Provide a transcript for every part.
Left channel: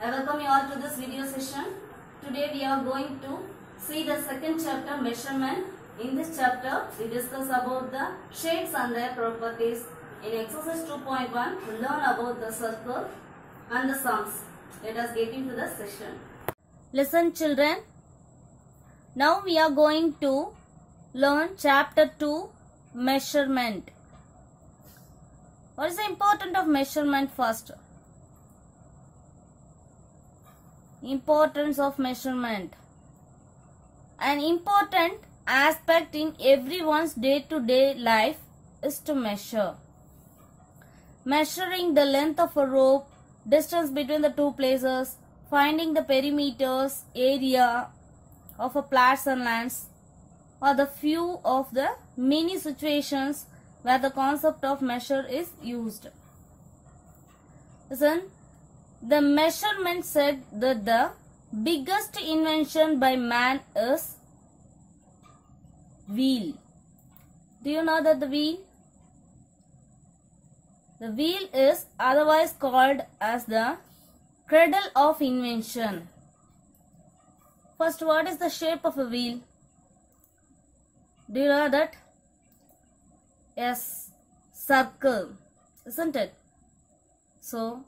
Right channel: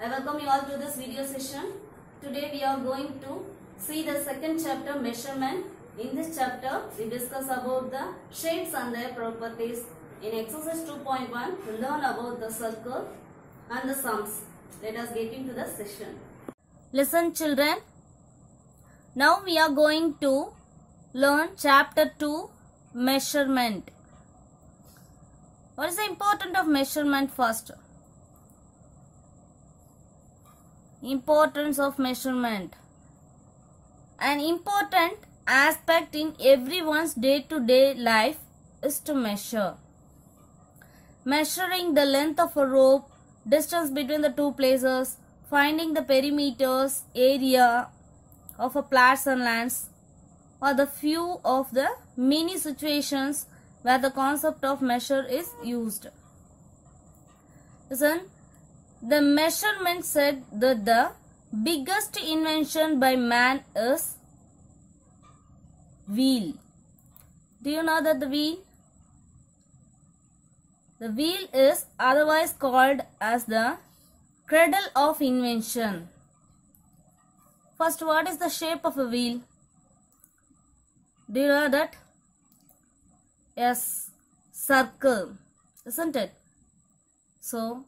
I welcome you all to this video session. Today we are going to see the second chapter, measurement. In this chapter we discuss about the shapes and their properties. In exercise 2.1 we learn about the circle and the sums. Let us get into the session. Listen children. Now we are going to learn chapter 2, measurement. What is the importance of measurement first? Importance of measurement. An important aspect in everyone's day-to-day life is to measure. Measuring the length of a rope, distance between the two places, finding the perimeters, area of a plots and lands are the few of the many situations where the concept of measure is used. Listen, the measurement said that the biggest invention by man is wheel. Do you know that the wheel? The wheel is otherwise called as the cradle of invention. First, what is the shape of a wheel? Do you know that? Yes, circle, isn't it? So,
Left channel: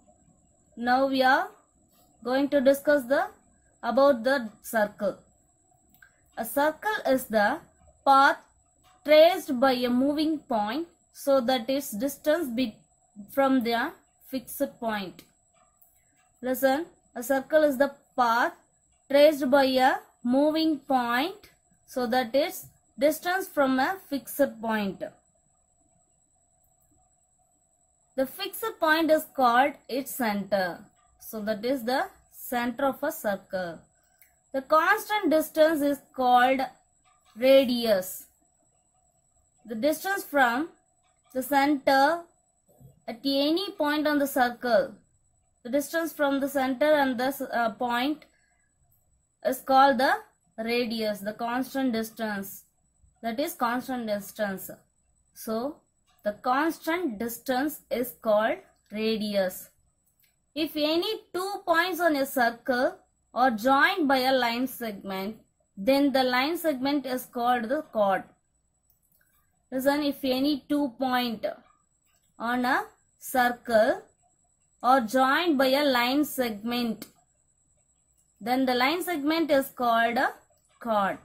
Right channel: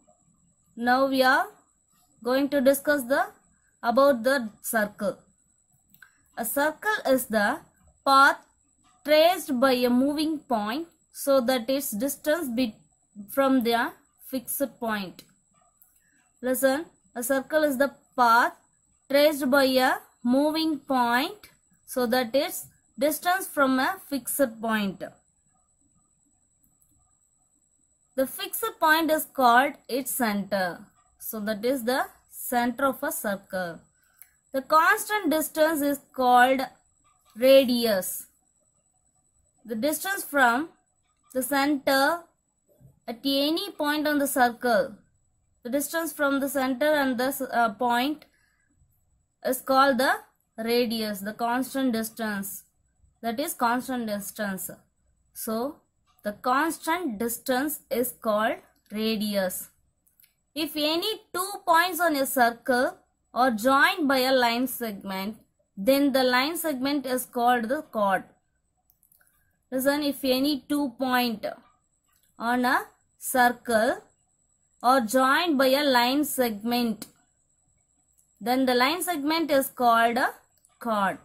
now we are going to discuss about the circle. A circle is the path traced by a moving point so that its distance from the fixed point. Listen, a circle is the path traced by a moving point so that its distance from a fixed point. The fixed point is called its center. So that is the center of a circle. The constant distance is called radius. The distance from the center at any point on the circle. The distance from the center and the point is called the radius, the constant distance. That is constant distance. So, the constant distance is called radius. If any two points on a circle are joined by a line segment, then the line segment is called the chord. Listen, if any 2 points on a circle are joined by a line segment, then the line segment is called a chord.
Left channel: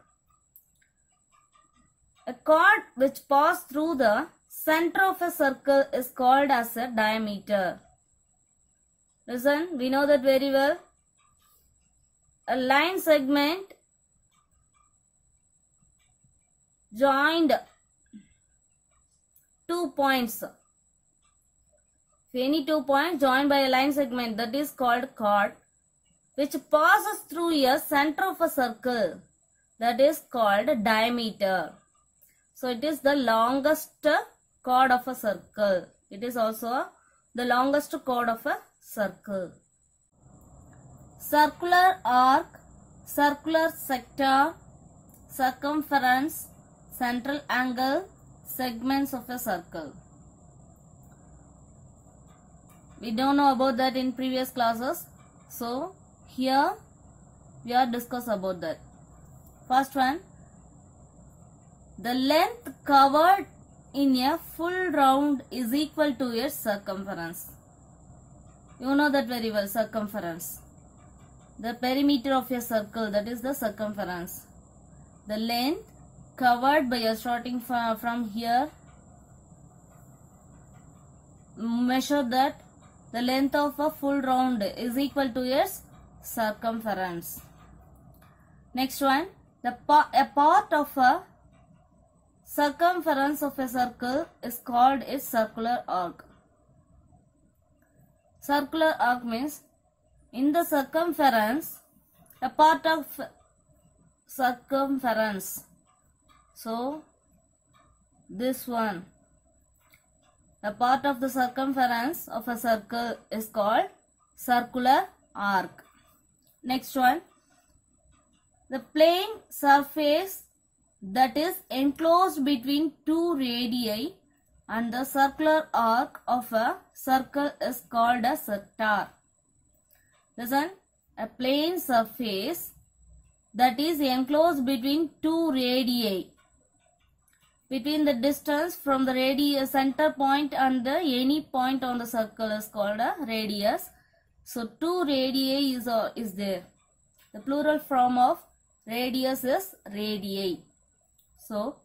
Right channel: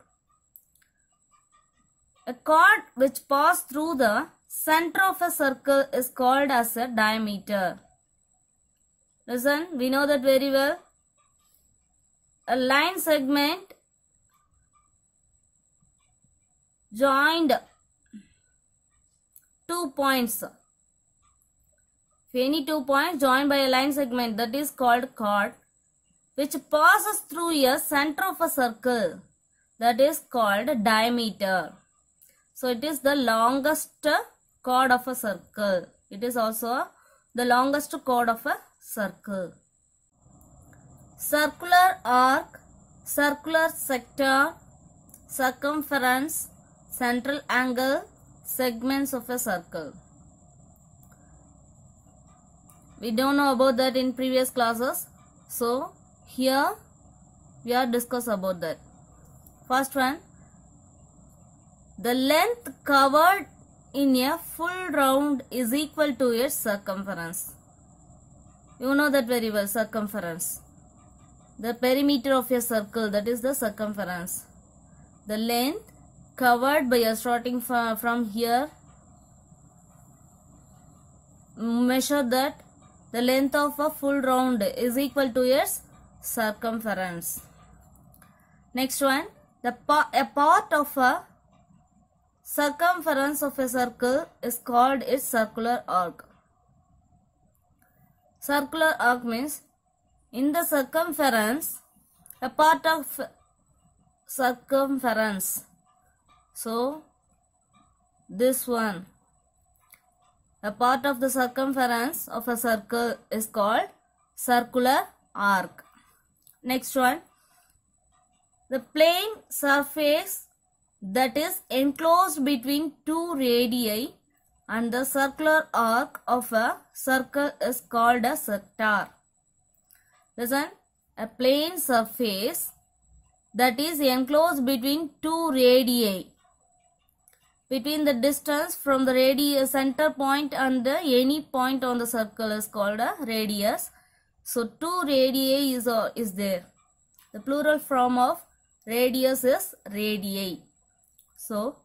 A chord which passes through the center of a circle is called as a diameter. Listen, we know that very well. A line segment joined 2 points. If any 2 points joined by a line segment, that is called chord, which passes through a center of a circle, that is called diameter. So it is the longest chord of a circle. It is also the longest chord of a circle. Circular arc, circular sector, circumference, central angle, segments of a circle. We don't know about that in previous classes. So here we are discuss about that. First one, the length covered in a full round is equal to its circumference. You know that very well, circumference. The perimeter of a circle, that is the circumference. The length covered by a starting from here, measure that the length of a full round is equal to its circumference. Next one, a part of a circumference of a circle is called its circular arc. Circular arc means in the circumference, a part of circumference. So, this one, a part of the circumference of a circle is called circular arc. Next one, the plane surface that is enclosed between two radii and the circular arc of a circle is called a sector. Listen, a plane surface that is enclosed between two radii. Between the distance from the radius center point and any point on the circle is called a radius. So two radii is there. The plural form of radius is radii. So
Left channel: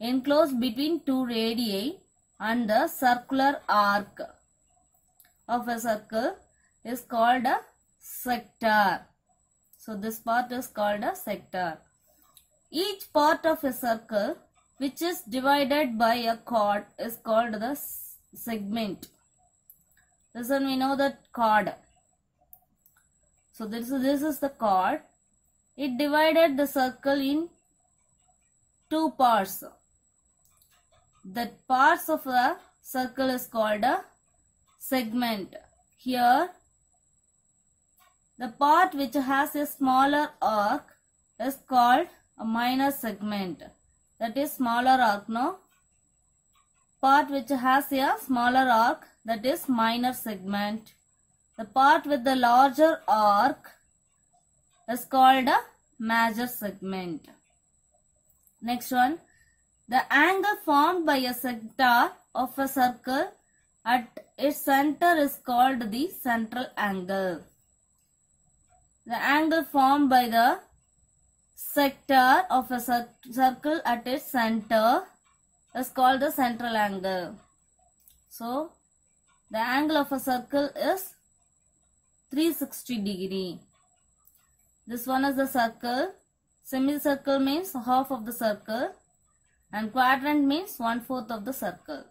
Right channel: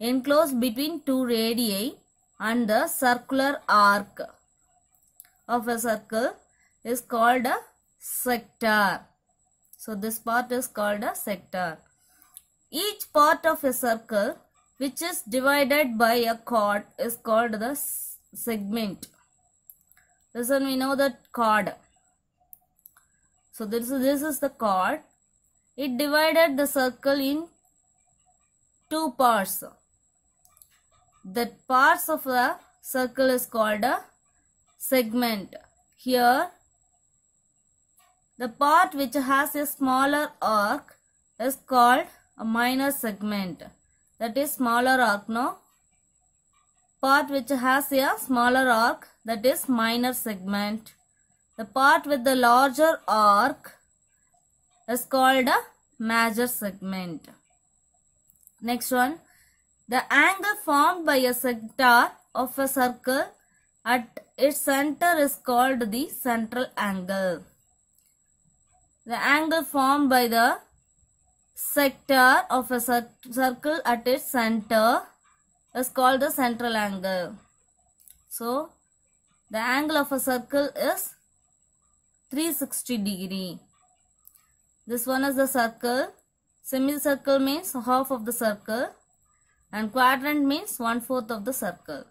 enclosed between two radii and the circular arc of a circle is called a sector. So this part is called a sector. Each part of a circle which is divided by a chord is called the segment. Listen, we know that chord. So this is the chord. It divided the circle in two parts. The parts of the circle is called a segment. Here, the part which has a smaller arc is called a minor segment. That is smaller arc, no? Part which has a smaller arc, that is minor segment. The part with the larger arc is called a major segment. Next one. The angle formed by a sector of a circle at its center is called the central angle. The angle formed by the sector of a circle at its center is called the central angle. So, the angle of a circle is 360 degree. This one is the circle. Semicircle means half of the circle. And quadrant means 1/4 of the circle.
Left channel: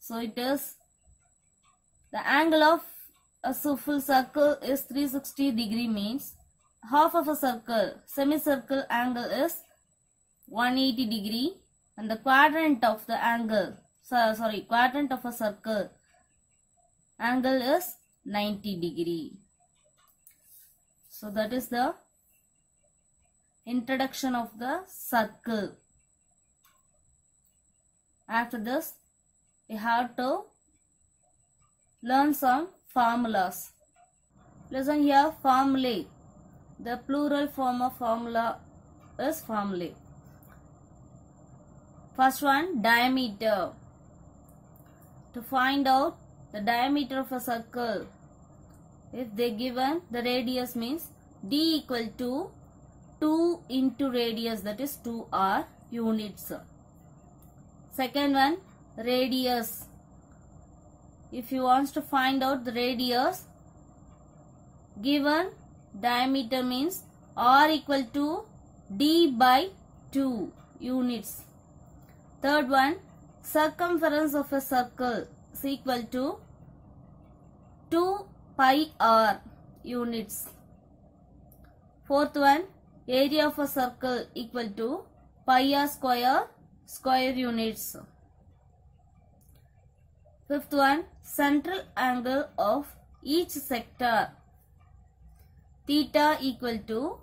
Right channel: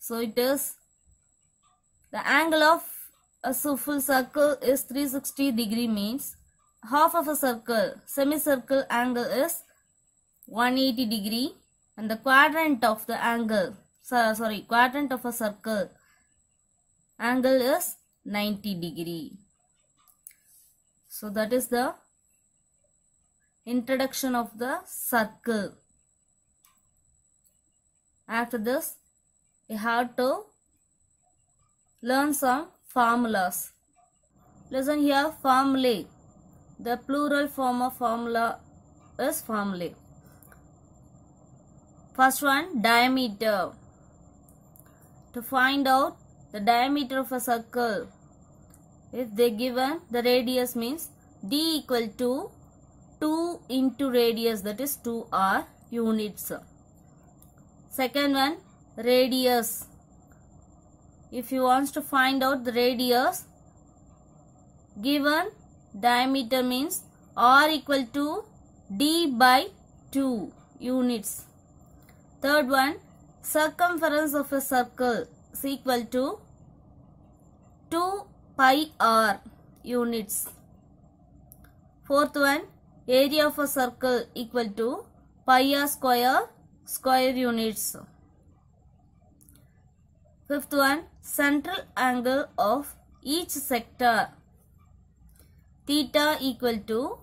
So, it is the angle of a full circle is 360 degree means half of a circle, semicircle angle is 180 degree and the quadrant of the angle, quadrant of a circle angle is 90 degree. So that is the introduction of the circle. After this, we have to learn some formulas. Listen here, formulae. The plural form of formula is formulae. First one, diameter. To find out the diameter of a circle, if they given the radius means d equal to 2 into radius, that is 2r units. Second one, radius. If you want to find out the radius, given diameter means r equal to d by 2 units. Third one, circumference of a circle is equal to 2 pi r units. Fourth one, area of a circle equal to pi r square units. Fifth one, central angle of each sector theta equal to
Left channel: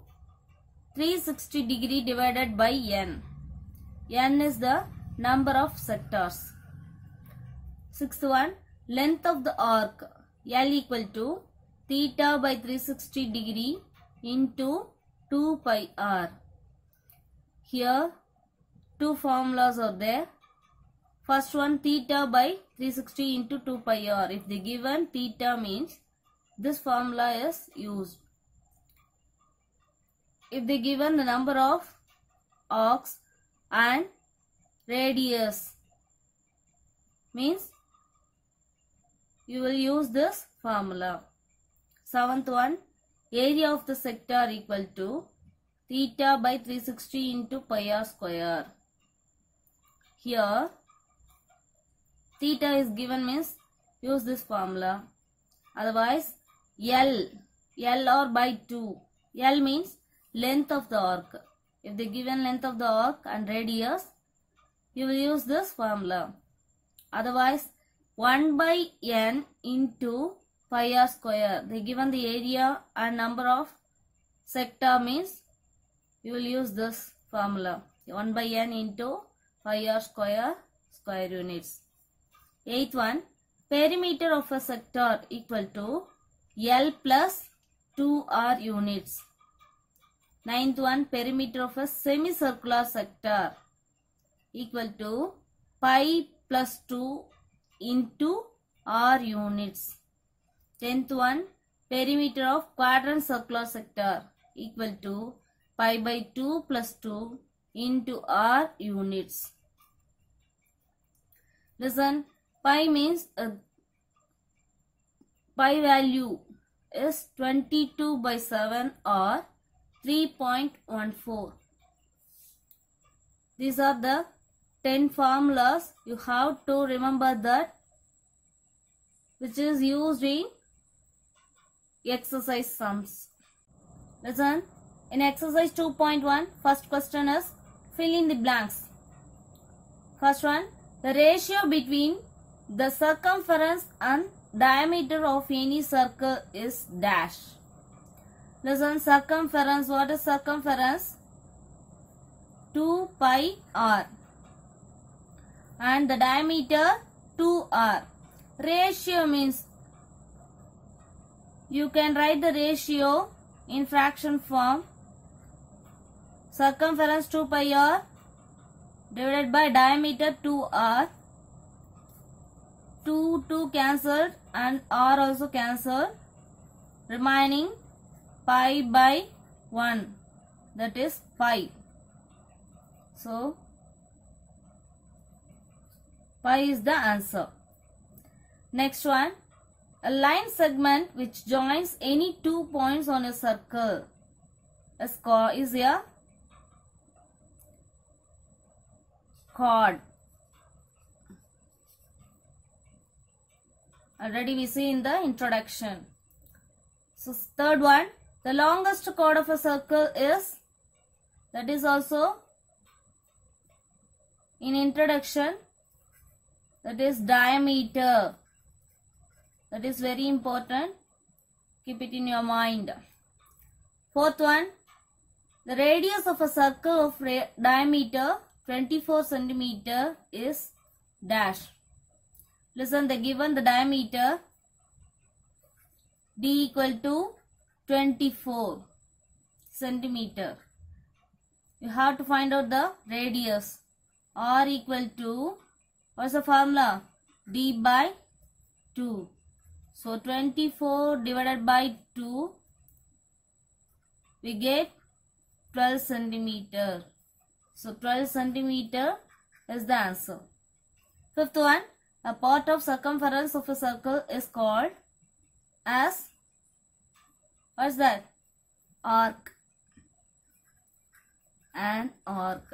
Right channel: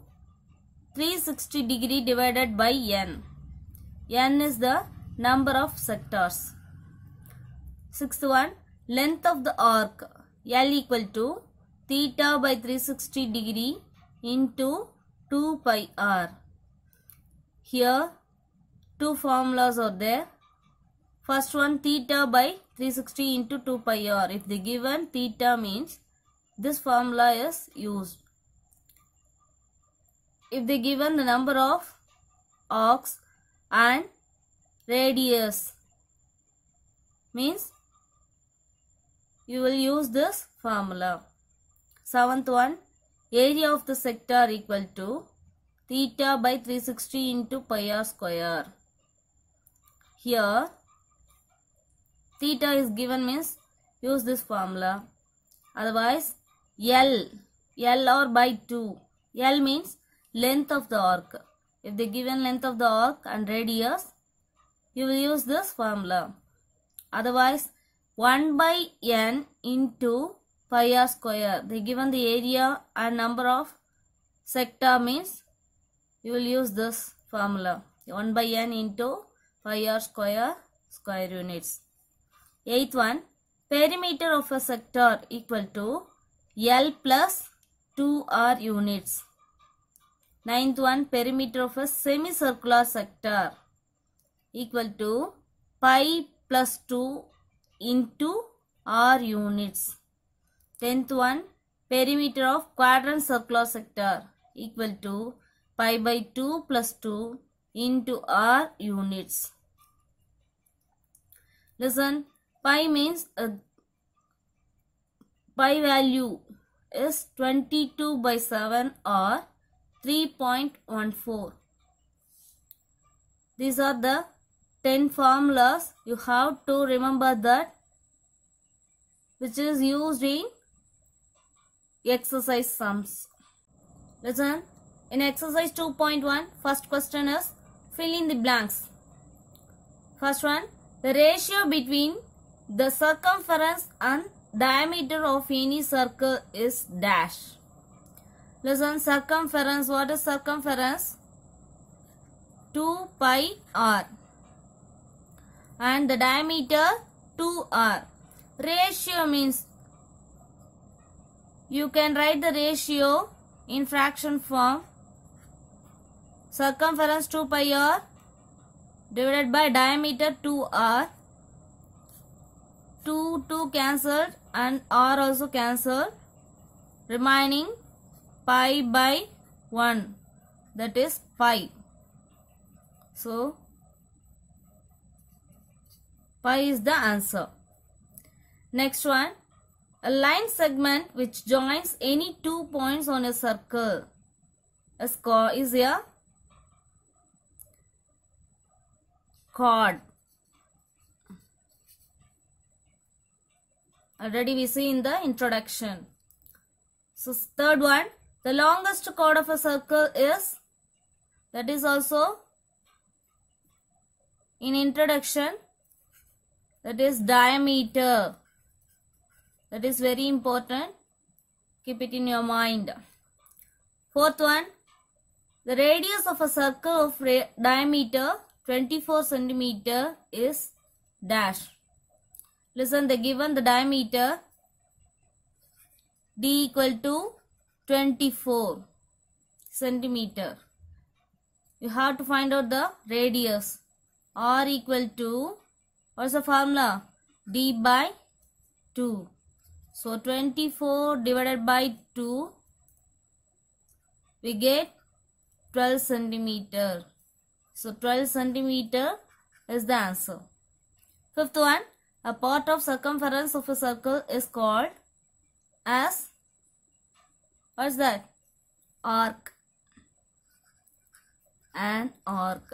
360 degree divided by n. N is the number of sectors. Sixth one, length of the arc L equal to theta by 360 degree into 2 pi r. Here two formulas are there. First one, theta by 360 into 2 pi r. If the given theta means this formula is used. If they given the number of arcs and radius means you will use this formula. Seventh one, area of the sector equal to theta by 360 into pi r square. Here theta is given means use this formula. Otherwise L or by 2. L means length of the arc. If they given length of the arc and radius, you will use this formula. Otherwise 1 by n into pi r square. They given the area and number of sector means you will use this formula. 1 by n into pi r square units. Eighth one, perimeter of a sector equal to L plus 2R units. Ninth one, perimeter of a semicircular sector equal to pi plus 2 into R units. 10th one, perimeter of quadrant circular sector equal to pi by 2 plus 2 into R units. Listen, pi means pi value is 22 by 7 or 3.14. These are the 10 formulas. You have to remember that, which is used in exercise sums. Listen, in exercise 2.1, first question is fill in the blanks. First one, the ratio between the circumference and diameter of any circle is dash. Listen, circumference, what is circumference? 2 pi r. And the diameter 2r. Ratio means you can write the ratio in fraction form. Circumference 2 pi r divided by diameter 2r. 2 cancelled and r also cancelled. Remaining pi by 1, that is pi. So pi is the answer. Next one, a line segment which joins any 2 points on a circle is a chord. Already we see in the introduction. So third one, the longest chord of a circle is, that is also in introduction, that is diameter. That is very important. Keep it in your mind. Fourth one, the radius of a circle of diameter 24 centimeter is dash. Listen, they given the diameter d equal to 24 centimeter. You have to find out the radius. R equal to, what's the formula? D by 2. So 24 divided by 2, we get 12 centimeter. So 12 centimeter is the answer. Fifth one, a part of circumference of a circle is called as, what's that? Arc. An arc.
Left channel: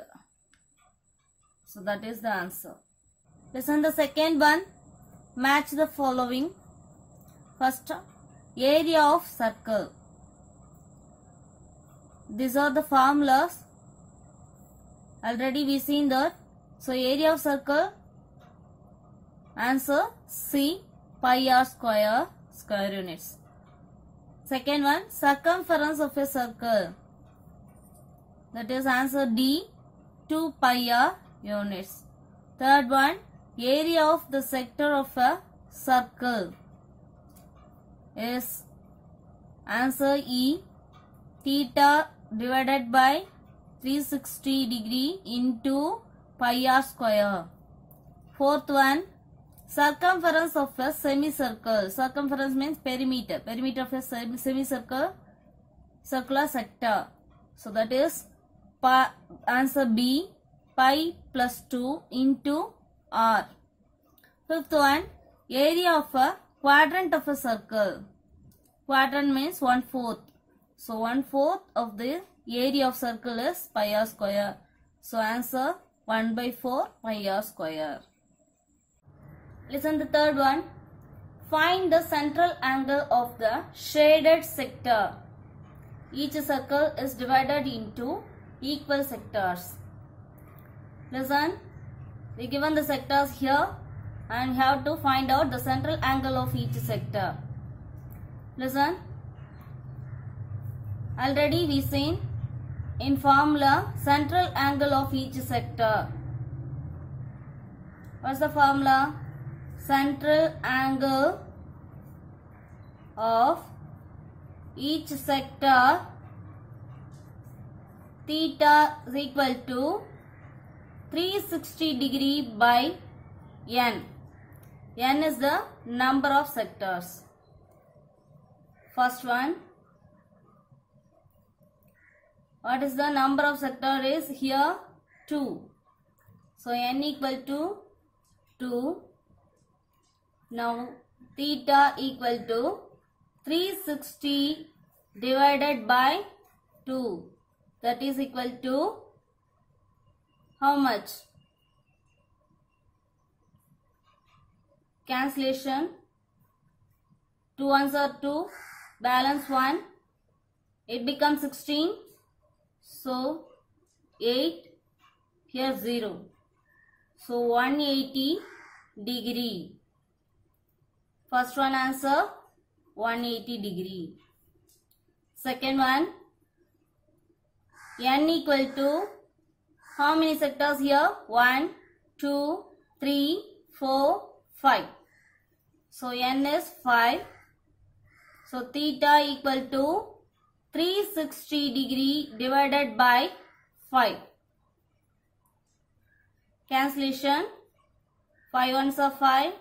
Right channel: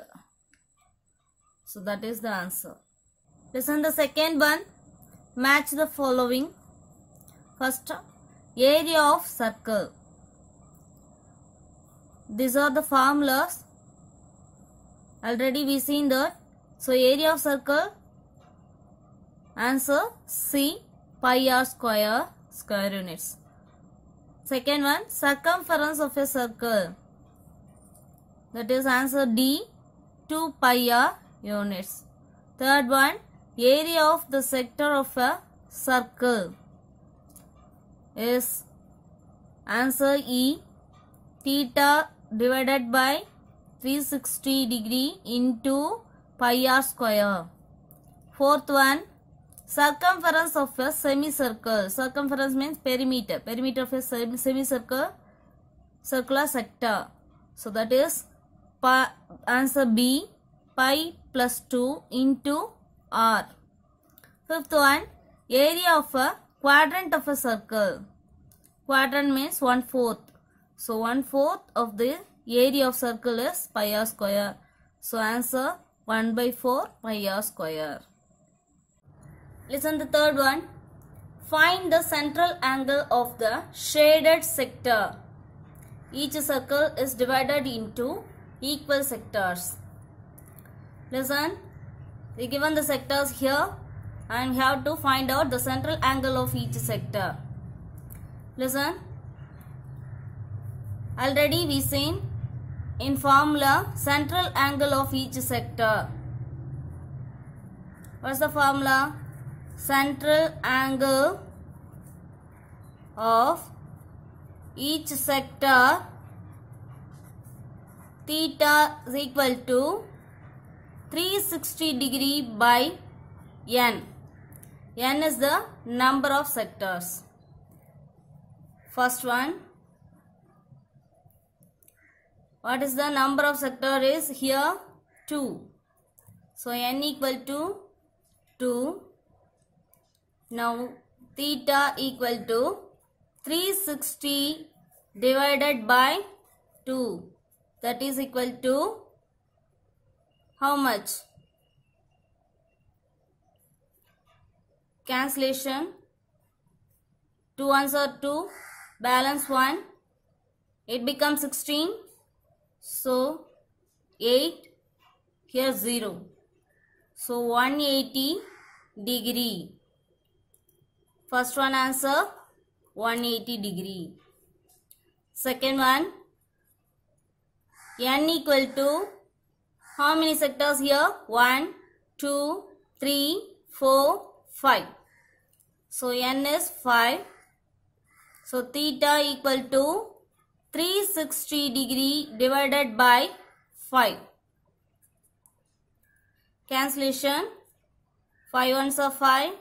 So that is the answer. Listen, the second one, match the following. First, area of circle. These are the formulas. Already we seen that. So area of circle, answer C, pi r square, square units. Second one, circumference of a circle. That is answer D, 2 pi r units. Third one, area of the sector of a circle is answer E, theta divided by 360 degree into pi r square. Fourth one, circumference of a semicircle. Circumference means perimeter. Perimeter of a semicircle, circular sector. So that is answer B, pi plus 2 into r. Fifth one, area of a quadrant of a circle. Quadrant means 1/4. So 1/4 of the area of circle is pi r square. So answer 1/4 pi r square. Listen, the third one. Find the central angle of the shaded sector. Each circle is divided into equal sectors. Listen, we given the sectors here and we have to find out the central angle of each sector. Listen, already we seen in formula central angle of each sector. What's the formula? Central angle of each sector theta is equal to 360 degree by n. N is the number of sectors. First one, what is the number of sector is here 2. So n equal to 2. Now theta equal to 360 divided by 2. That is equal to how much? Cancellation. 2 ones are 2. Balance 1. It becomes 16. So 8. Here 0. So 180 degree. First one answer 180 degree. Second one, n equal to how many sectors here? 1, 2, 3, 4, 5. So n is 5. So theta equal to 360 degree divided by 5. Cancellation. 5 ones are 5.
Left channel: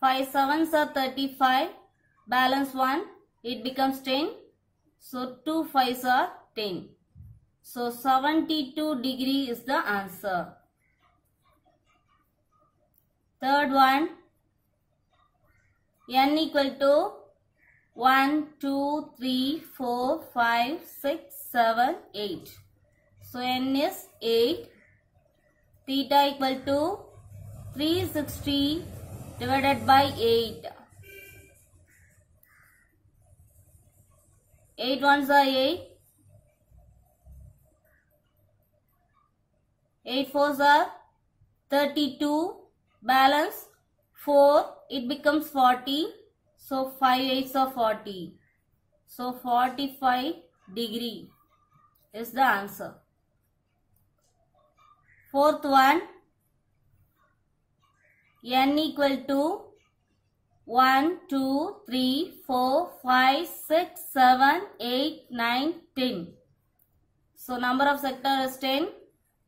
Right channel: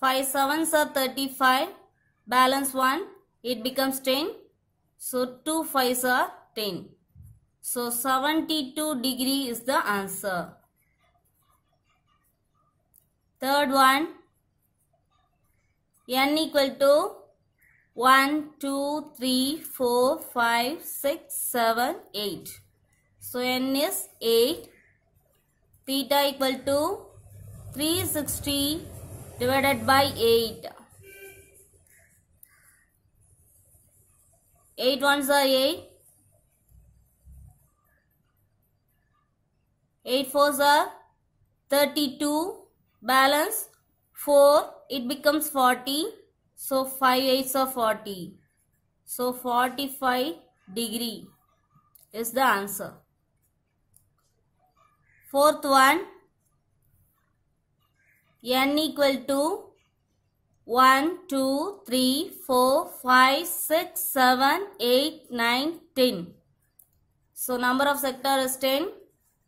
5 sevens are 35. Balance 1. It becomes 10. So 2 5s are 10. So 72 degree is the answer. Third one, n equal to 1, 2, 3, 4, 5, 6, 7, 8. So n is 8. Theta equal to 360 divided by 8. 8 ones are 8. 8 fours are 32. Balance 4. It becomes 40. So 5 8s are 40. So 45 degree is the answer. Fourth one, n equal to 1, 2, 3, 4, 5, 6, 7, 8, 9, 10. So number of sector is 10.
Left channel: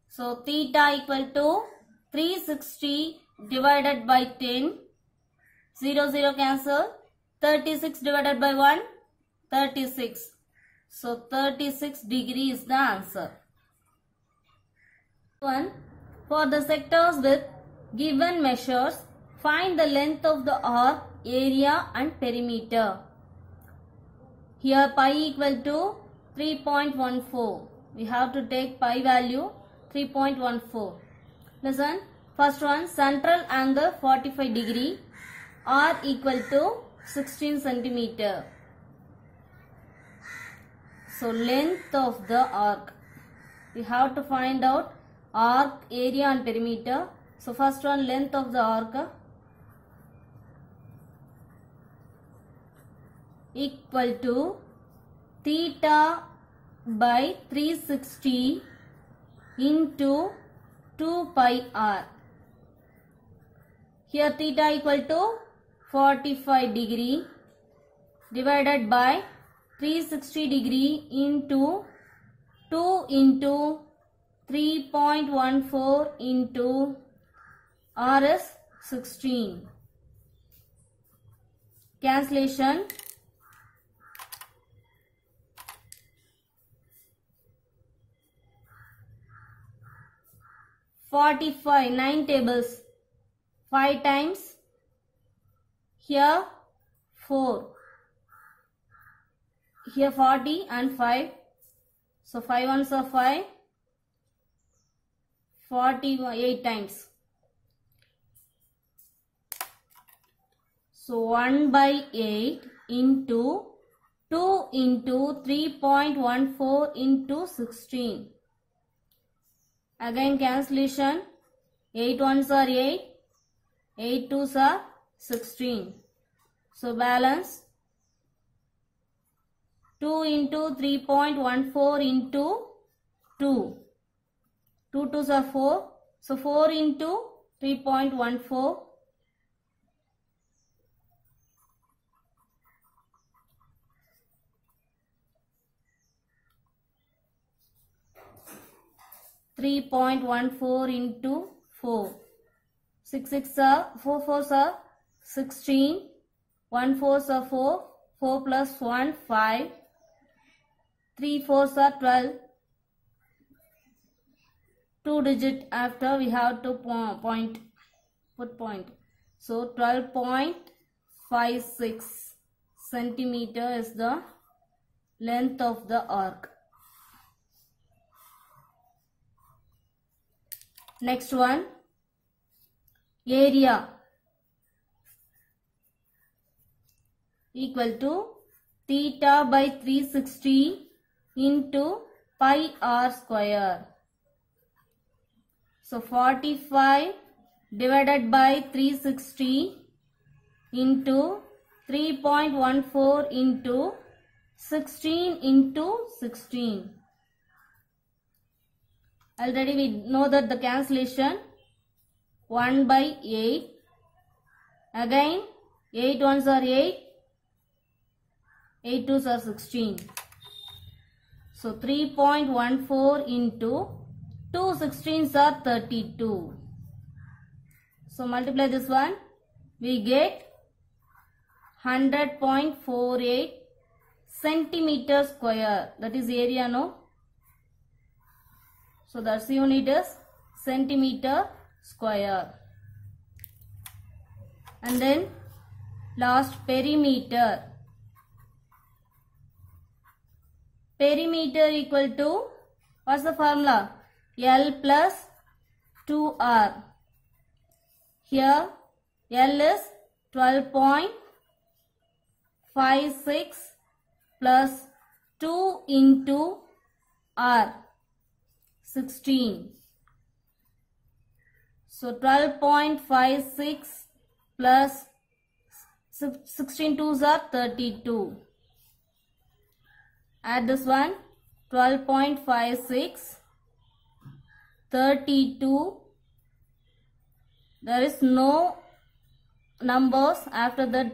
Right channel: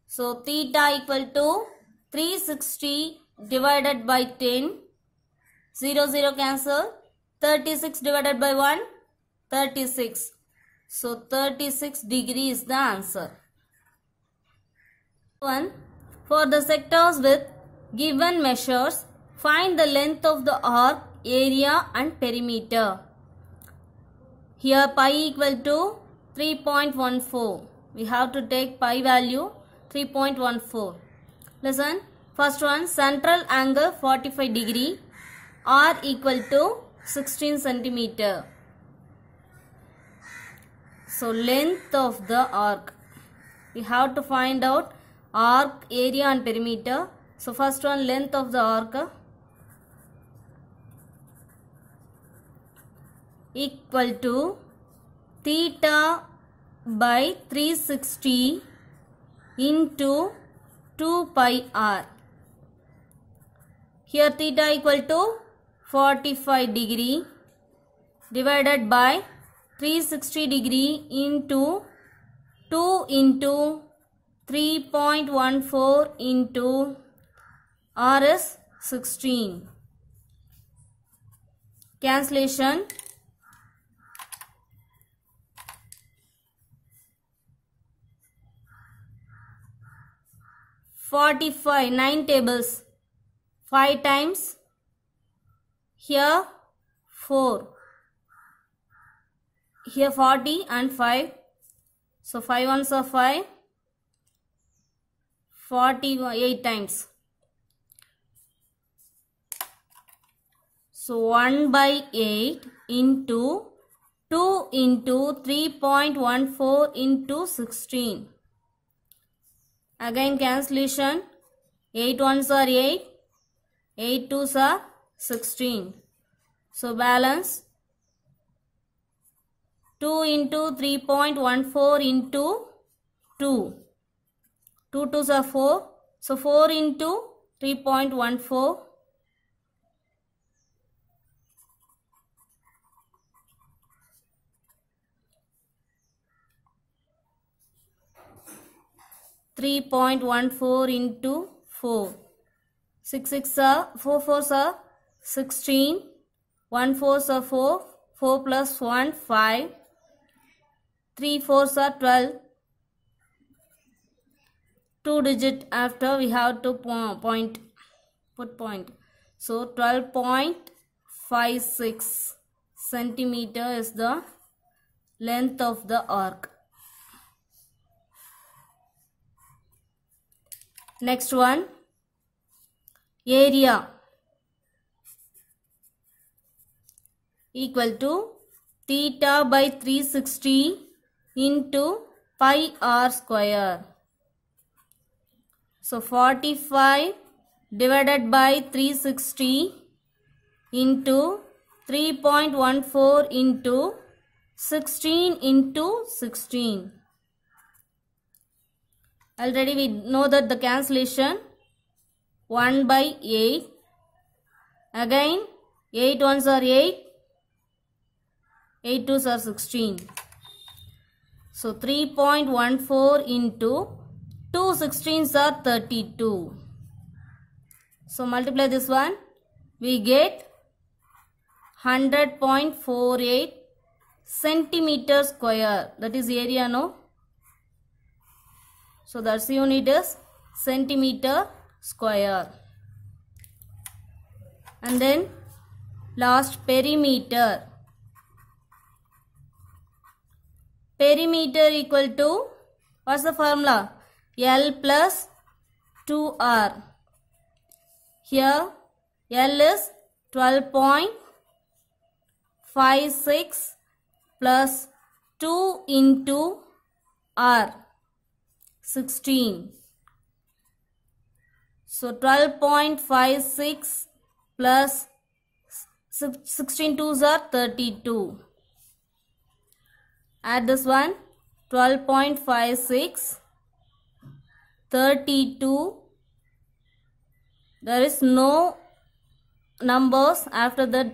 So theta equal to 360 divided by 10. 0, 0 cancel. 36 divided by 1. 36. So 36 degree is the answer. 1. For the sectors with given measures, find the length of the arc, area and perimeter. Here pi equal to 3.14. We have to take pi value 3.14. Listen. First one, central angle 45 degree. R equal to 16 centimeter. So length of the arc. We have to find out arc, area and perimeter. So first one, length of the arc equal to theta by 360 into 2 pi r. Here theta equal to 45 degree divided by 360 degree into 2 into 3.14 into r is 16. Cancellation. (45) 9 tables. 5 times. Here 4. Here 40 and 5. So 5 ones are 5. 48 times. So 1 by 8 into 2 into 3.14 into 16. Again cancellation. 8 ones are 8. 8 twos are 16. So balance 2 into 3.14 into 2. 2 twos are 4. So 4 into 3.14. 3.14 into 4. 6 6 are 4 4s are 16. 1 4s are 4. 4 plus 1 5. 3 4s are 12. 2 digit after we have to put point. So 12.56 centimeter is the length of the arc. Next one, area equal to theta by 360 into pi r square. So 45 divided by 360 into 3.14 into 16 into 16. Already we know that the cancellation 1 by 8. Again 8 ones are 8. 8 twos are 16. So 3.14 into 2 16s are 32. So multiply this one. We get 100.48 centimeter square. That is area, no? So that's unit is centimeter square. And then last, perimeter. Perimeter equal to, what's the formula? L plus 2R. Here L is 12.56 plus 2 into R, 16. So 12.56 plus 16 twos are 32. Add this one, 12.56, 32. There is no numbers after the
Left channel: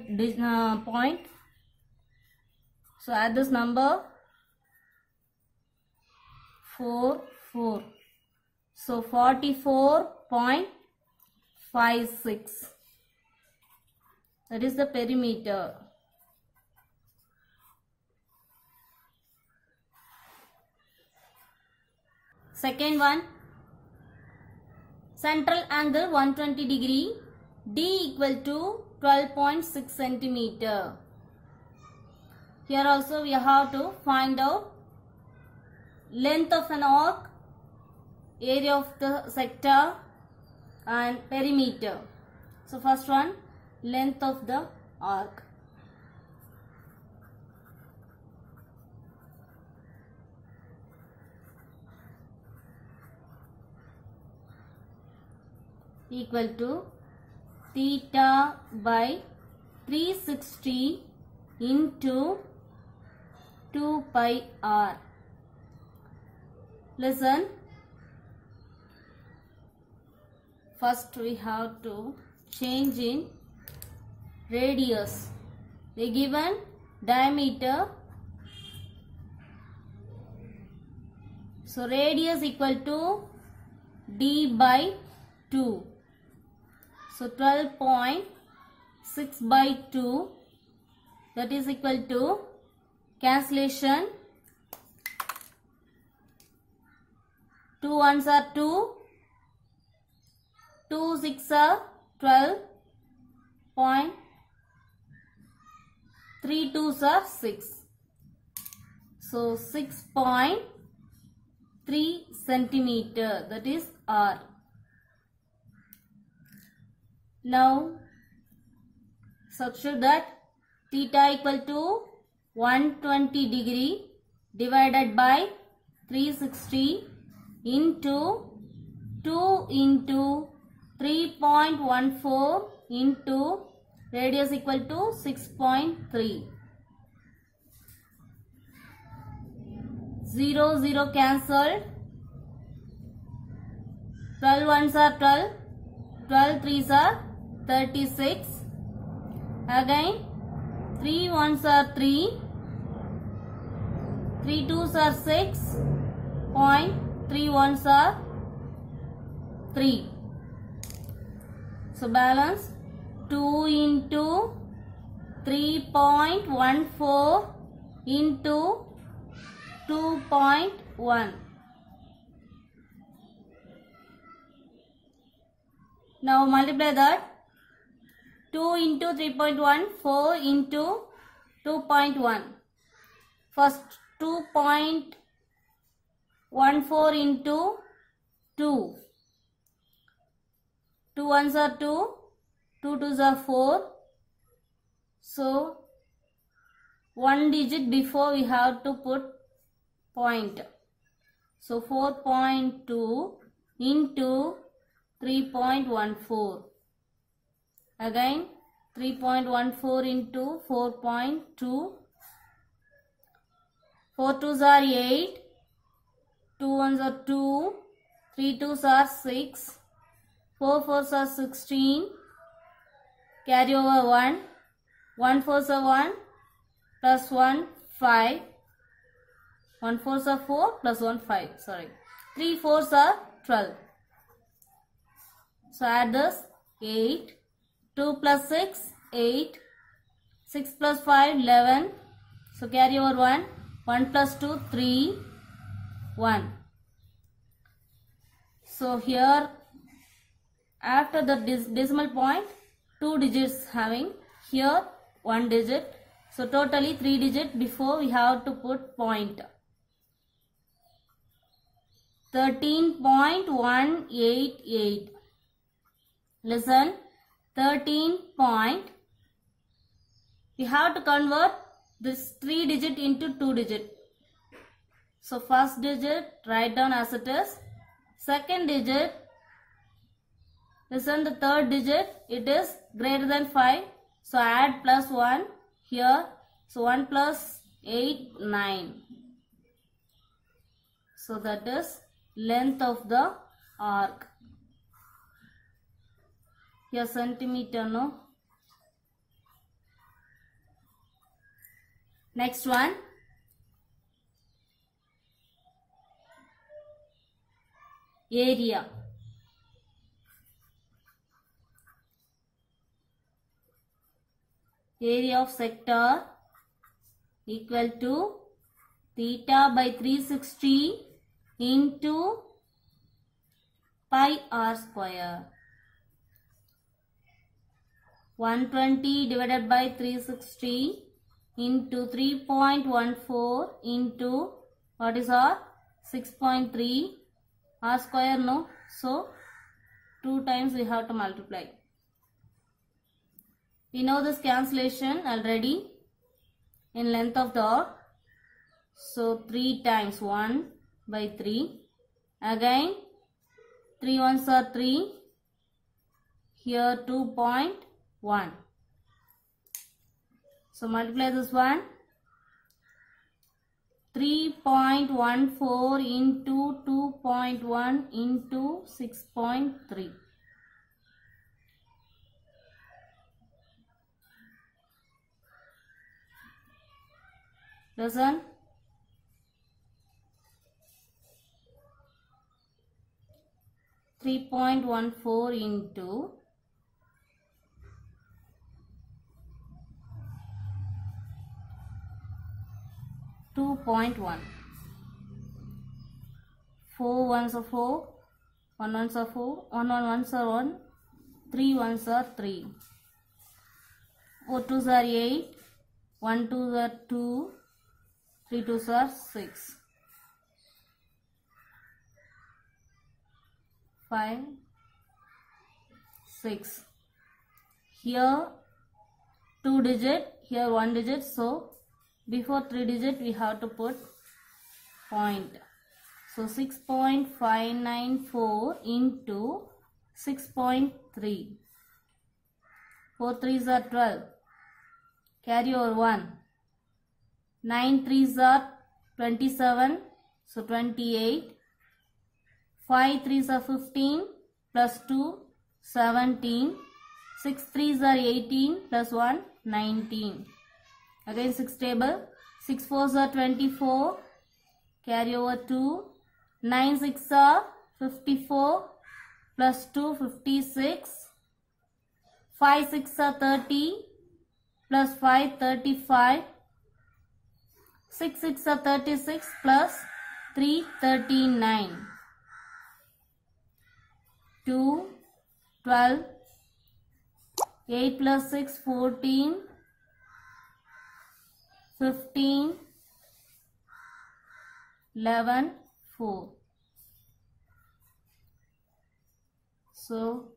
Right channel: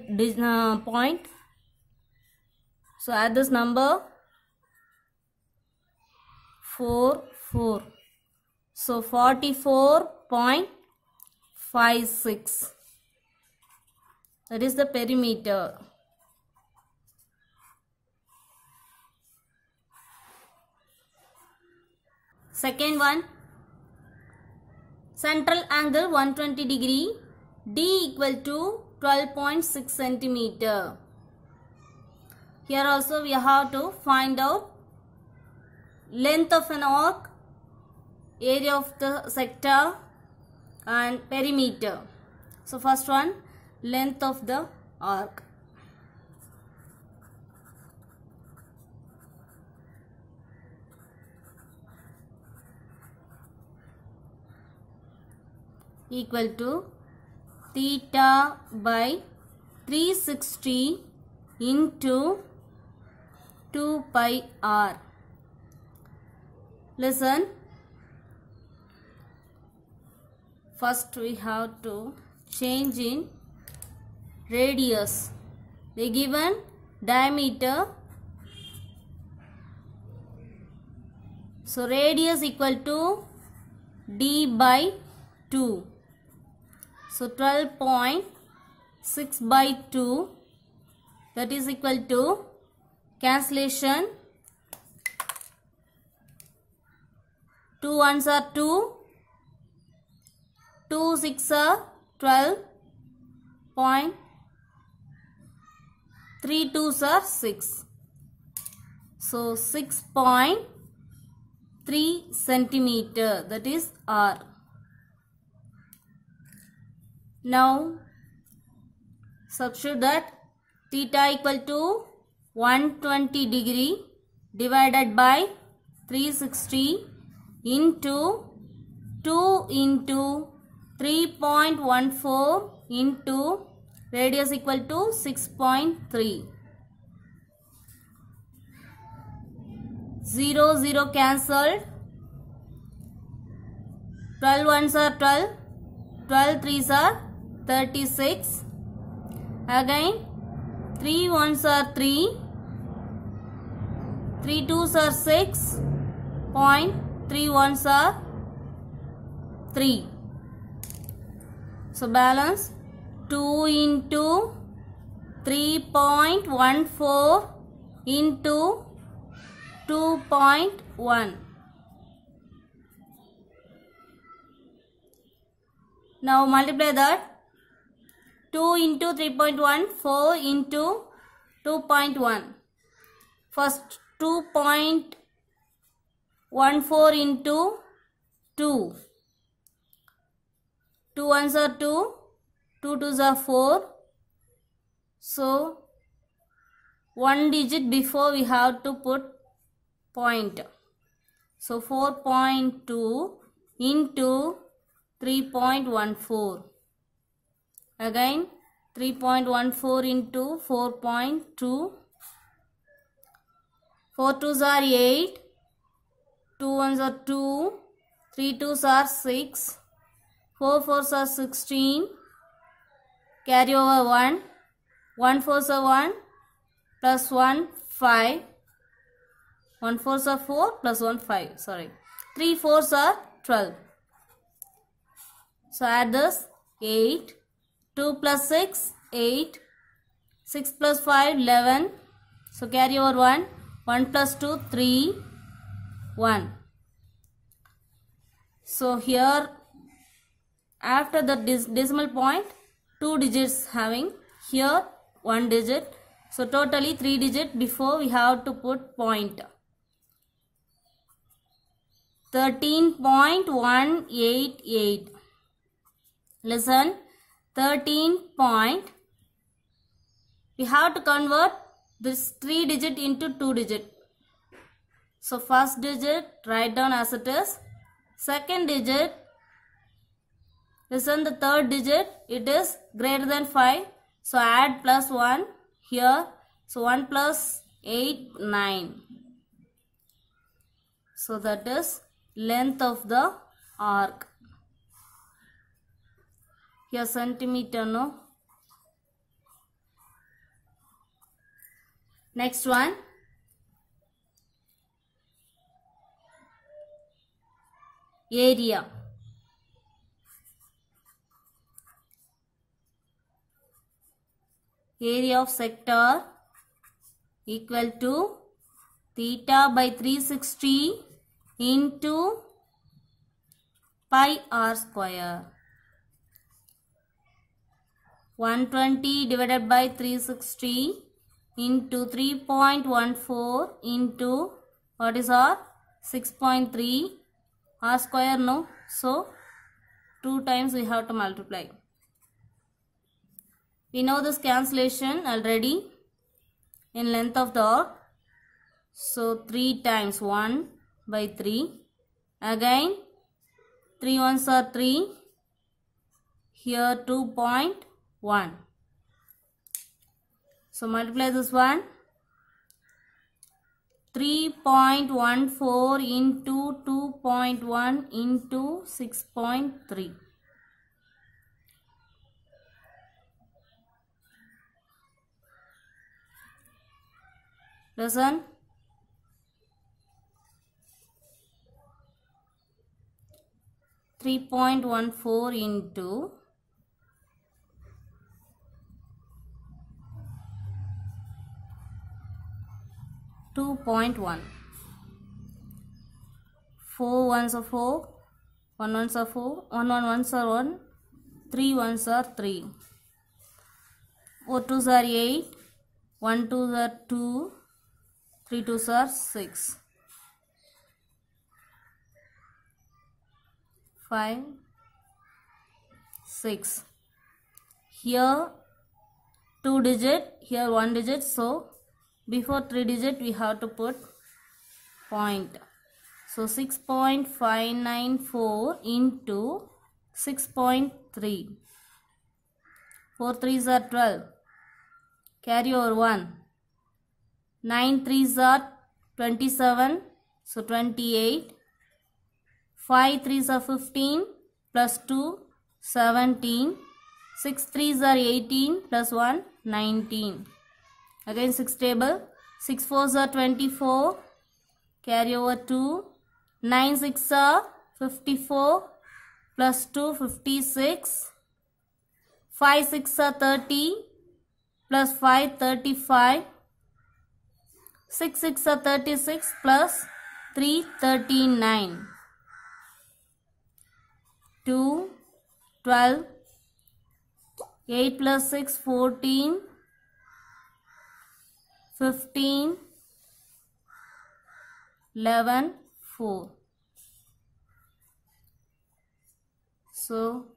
point. So add this number 4. So 44.56. That is the perimeter. Second one, central angle 120 degree, D equal to 12.6 centimeter. Here also we have to find out length of an arc, area of the sector and perimeter. So first one, length of the arc. Equal to theta by 360 into 2 pi r. Listen. First we have to change in radius. They given diameter. So radius equal to d by 2. So 12.6 by 2, that is equal to cancellation. 2 ones are 2, 2 6 are 12, 3 twos are 6. So 6.3 centimeter, that is R. Now substitute that theta equal to 120 degree divided by 360 into 2 into 3.14 into radius equal to 6.3. 0 0 cancelled. 12 ones are 12. 12 threes are 36. Again 3 ones are 3. 3 twos are 6. 3 ones are 3. So balance 2 into 3.14 into 2.1. Now multiply that. 2 into 3.1, 4 into 2.1. First 2.14 into 2. 2 ones are 2, 2 twos are 4. So, one digit before we have to put point. So, 4.2 into 3.14. Again, 3.14 into 4.2. 4 twos are 8. 2 ones are 2. 3 twos are 6. 4 fours are 16. Carry over 1. 1 fours are 1. Plus 1, 5. 1 fours are 4. Plus 1, 5. Sorry. 3 fours are 12. So add this. 8. 2 plus 6, 8. 6 plus 5, 11. So carry over 1. 1 plus 2, 3. 1. So here, after the decimal point, 2 digits having, here 1 digit. So totally 3 digit before we have to put point. 13.188. Listen, 13 point. We have to convert this 3 digit into 2 digit. So first digit write down as it is. Second digit, listen, the third digit, it is greater than 5. So add plus 1 here. So 1 plus 8, 9. So that is length of the arc. Here centimeter, no. Next one. Area. Area of sector equal to theta by 360 into pi r square. 120 divided by 360 into 3.14 into what is r? 6.3 r square, no. So 2 times we have to multiply. We know this cancellation already in length of the arc. So 3 times 1 by 3. Again 3 ones are 3. Here 2.1. So multiply this one. 3.14 into 2.1 into 6.3. Listen. 3.14 into 2.1. 4 ones are 4, 1 ones are 4, 1 ones are 1, 3 ones are 3. 4 twos are 8, 1 twos are 2, 3 twos are 6. 5, 6. Here 2 digit, here 1 digit. So before 3 digit we have to put point. So 6.594 into 6.3. 4 threes are 12. Carry over 1. 9 threes are 27. So 28. 5 threes are 15 plus 2, 17. 6 threes are 18 plus 1, 19. Again 6 table. 6 fours are 24. Carry over 2. 9 6 are 54. plus 2, 56. 5 6 are 30 plus 5 35. 6 6 are 36 plus 3 39. 2 12. 8 plus 6 14. 15. 11 4. So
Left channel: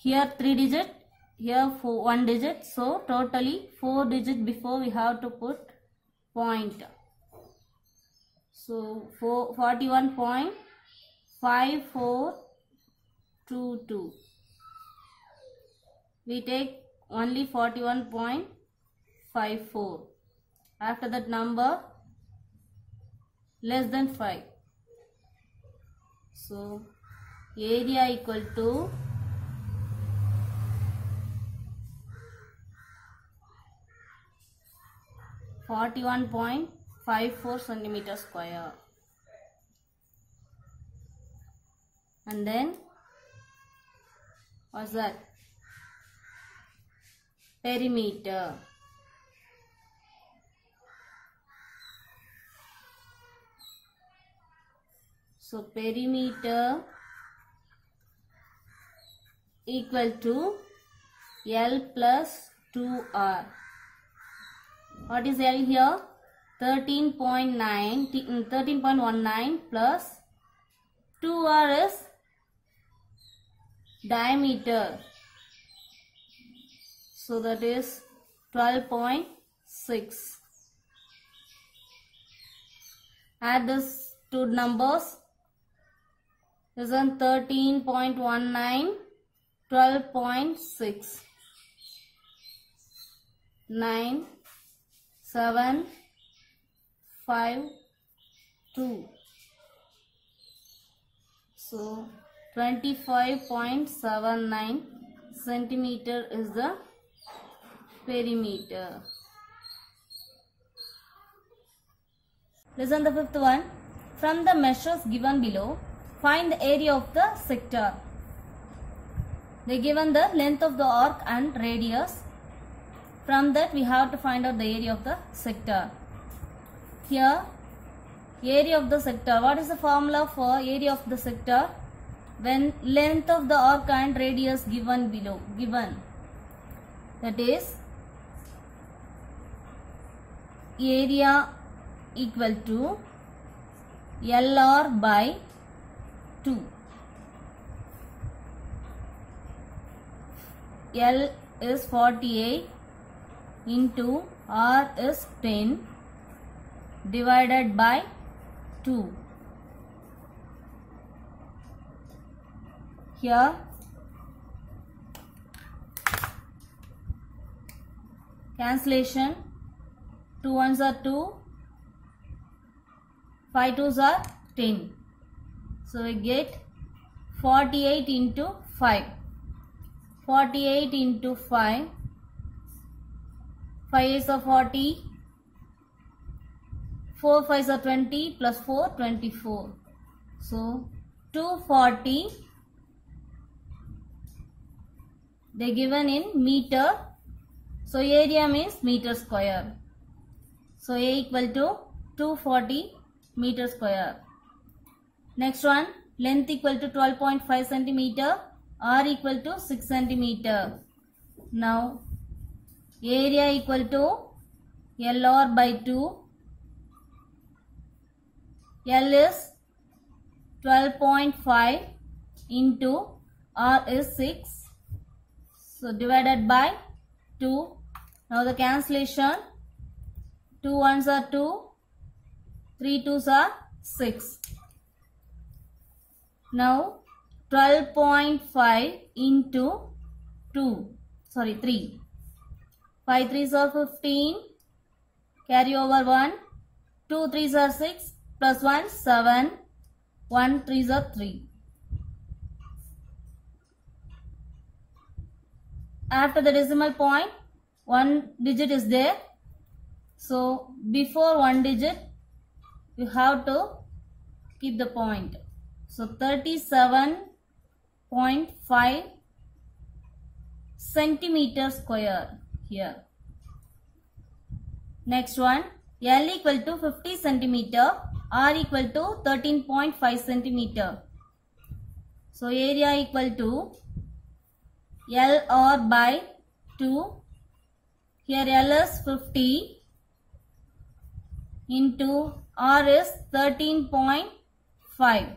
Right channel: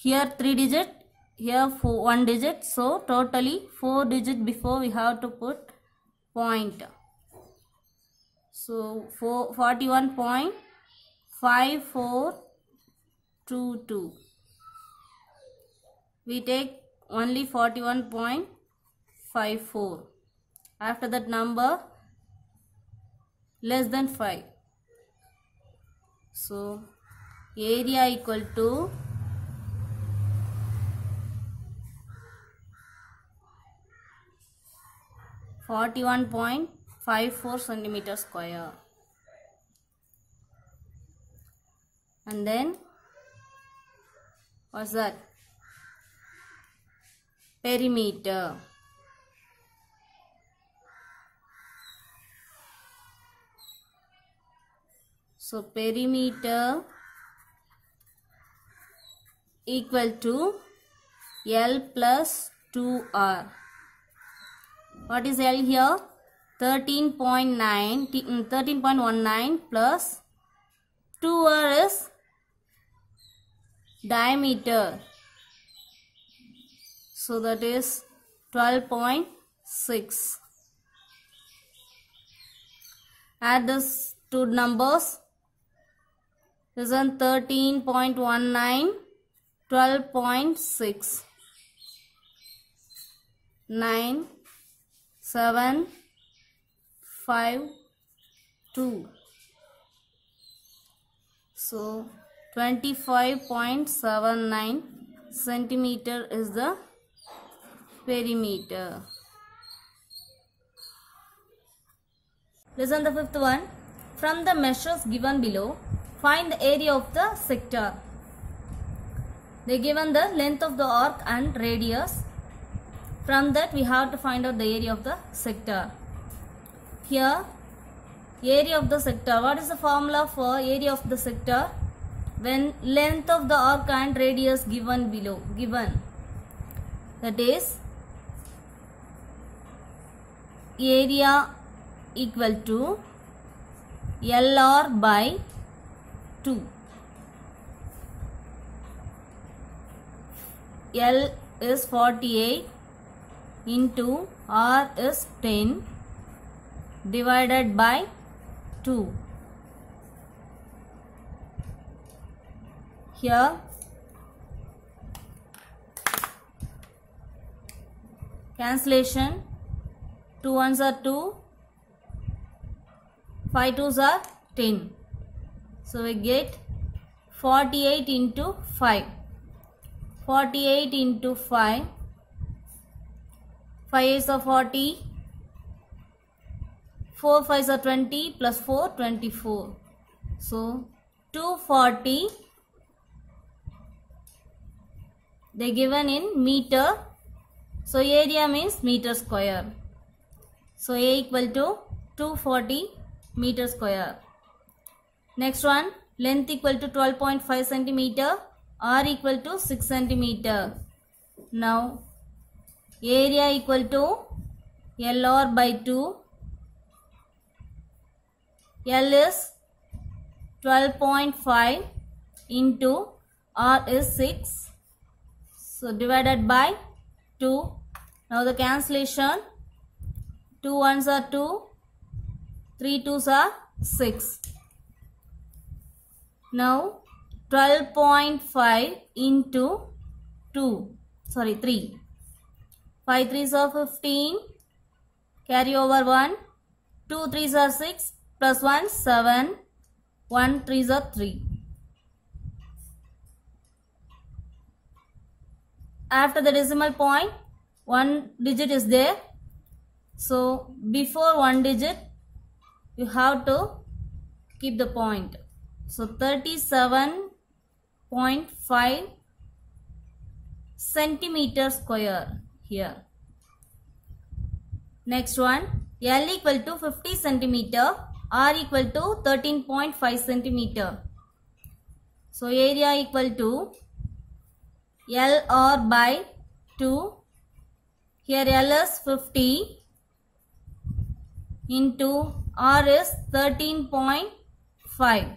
here 3 digit, here 1 digit, so totally 4 digit before we have to put point. So 41.5422. We take only 41.54. After that number less than 5. So area equal to 41.54 centimeter square. And then what's that? Perimeter. So perimeter equal to L plus 2R. What is L here? 13.19 plus 2R is diameter. So that is 12.6. Add these two numbers. This is 13.19, 12.6. 9 7 5 2. So 25.79 centimeter is the perimeter. Listen the fifth one. From the measures given below, find the area of the sector. They given the length of the arc and radius. From that we have to find out the area of the sector. Here area of the sector. What is the formula for area of the sector? When length of the arc and radius given below. That is area equal to LR by 2. L is 48 into R is 10 divided by 2. Here cancellation, 2 ones are 2, 5 twos are 10. So we get 48 into 5. 48 into 5. 5 is a 40. 4 5s are 20 plus 4 24. So 240. They given in meter. So area means meter square. So A equal to 240 meter square. Next one, length equal to 12.5 centimeter. R equal to 6 centimeter. Now area equal to LR by 2. L is 12.5 into R is 6. So divided by 2. Now the cancellation, 2 ones are 2, 3 twos are 6. Now 12.5 into 3. 5 threes are 15. Carry over 1. 2 threes are 6. Plus 1 7. 1 threes are 3. After the decimal point, 1 digit is there. So before 1 digit, you have to keep the point. So 37.5 centimeter square here. Next one, L equal to 50 centimeter, R equal to 13.5 centimeter. So area equal to LR by 2. Here L is 50 into R is 13.5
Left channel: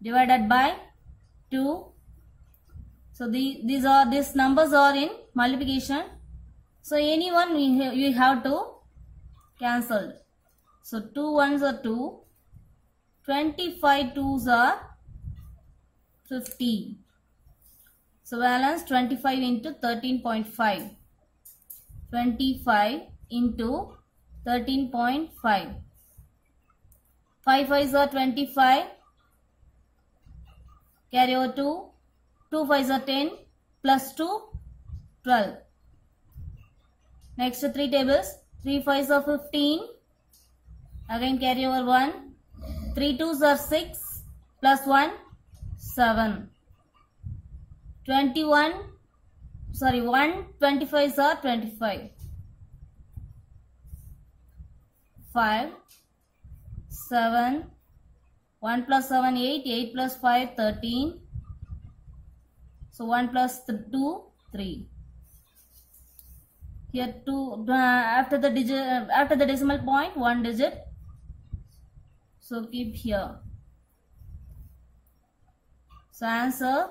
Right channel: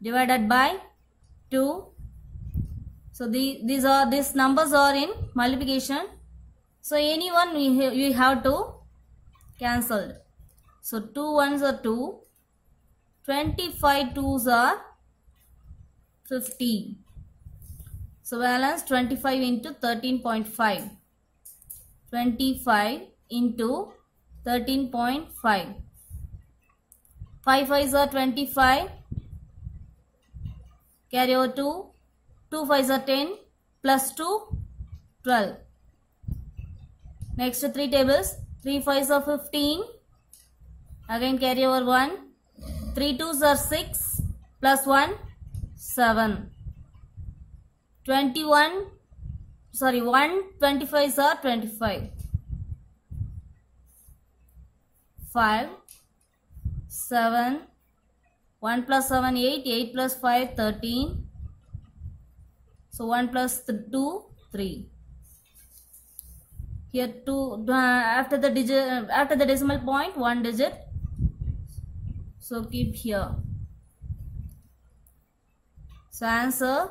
divided by 2. So these numbers are in multiplication. So anyone you have to cancel. So 2 ones are 2. 25 twos are 50. So balance 25 into 13.5. 25 into 13.5. 5 5s are 25. Carry over 2. 2 5s are 10. Plus 2, 12. Next 3 tables. 3 5s are 15. Again carry over 1. 3 2s are 6. Plus 1, 7. 1 25s are 25. 5, 7, 1 plus 7, 8, 8 plus 5, 13. So 1 plus 2, 3. Here 2 after the decimal point, 1 digit. So keep here. So answer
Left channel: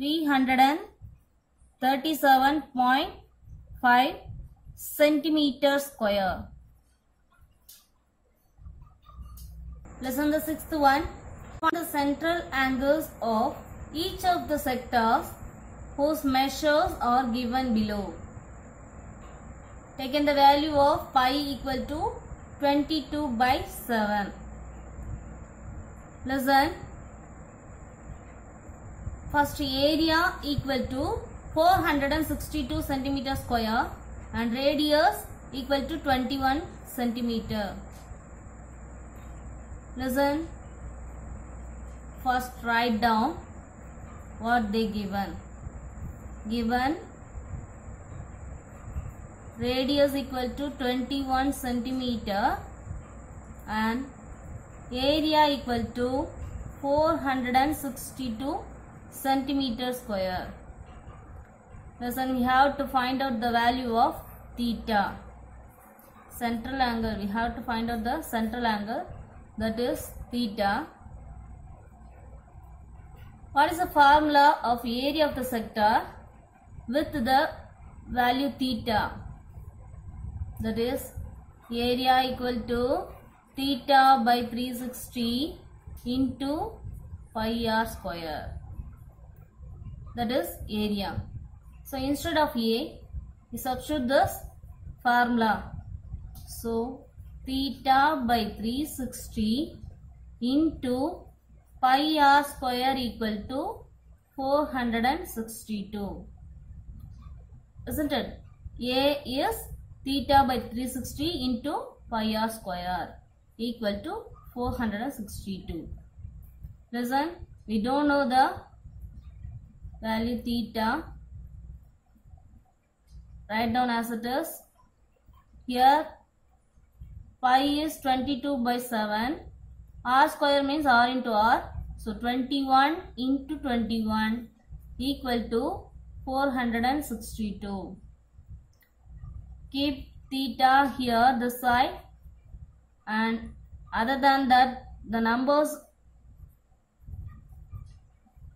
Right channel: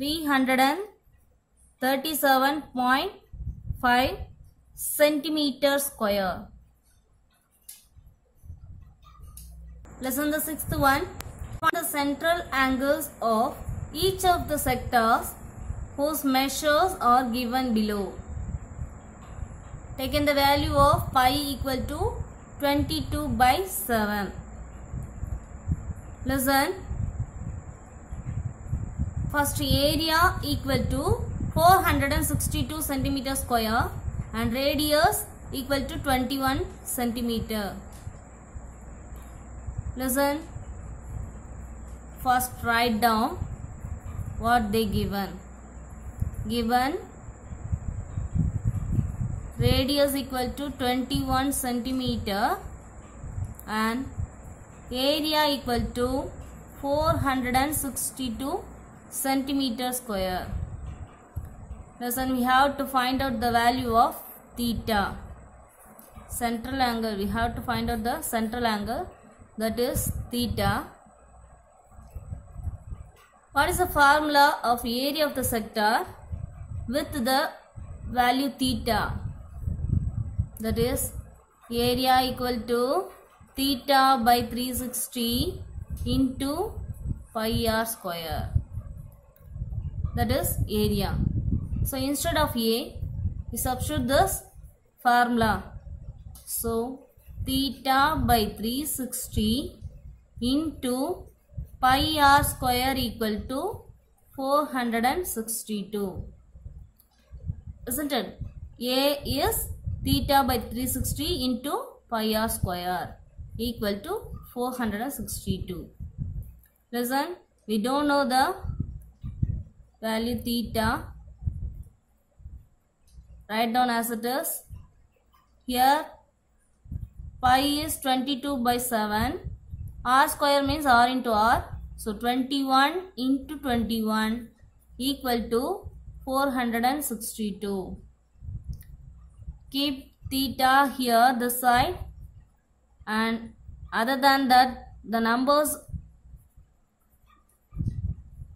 337.5 centimeter square. Lesson the sixth one. Find the central angles of each of the sectors whose measures are given below. Taken the value of pi equal to 22 by 7. Listen. First area equal to 462 centimeter square and radius equal to 21 centimeter. Listen. First write down what they given. Given radius equal to 21 centimeter and area equal to 462 centimeter square. Listen, we have to find out the value of theta. Central angle, we have to find out the central angle, that is theta. What is the formula of area of the sector with the value theta? That is area equal to theta by 360 into pi r square. That is area. So instead of A, we substitute this formula. So theta by 360 into pi r square equal to 462. Isn't it? A is theta by 360 into pi r square equal to 462. Listen, we don't know the value theta. Write down as it is. Here pi is 22 by 7. R square means R into R. So 21 into 21 equal to 462. Keep theta here this side, and other than that the numbers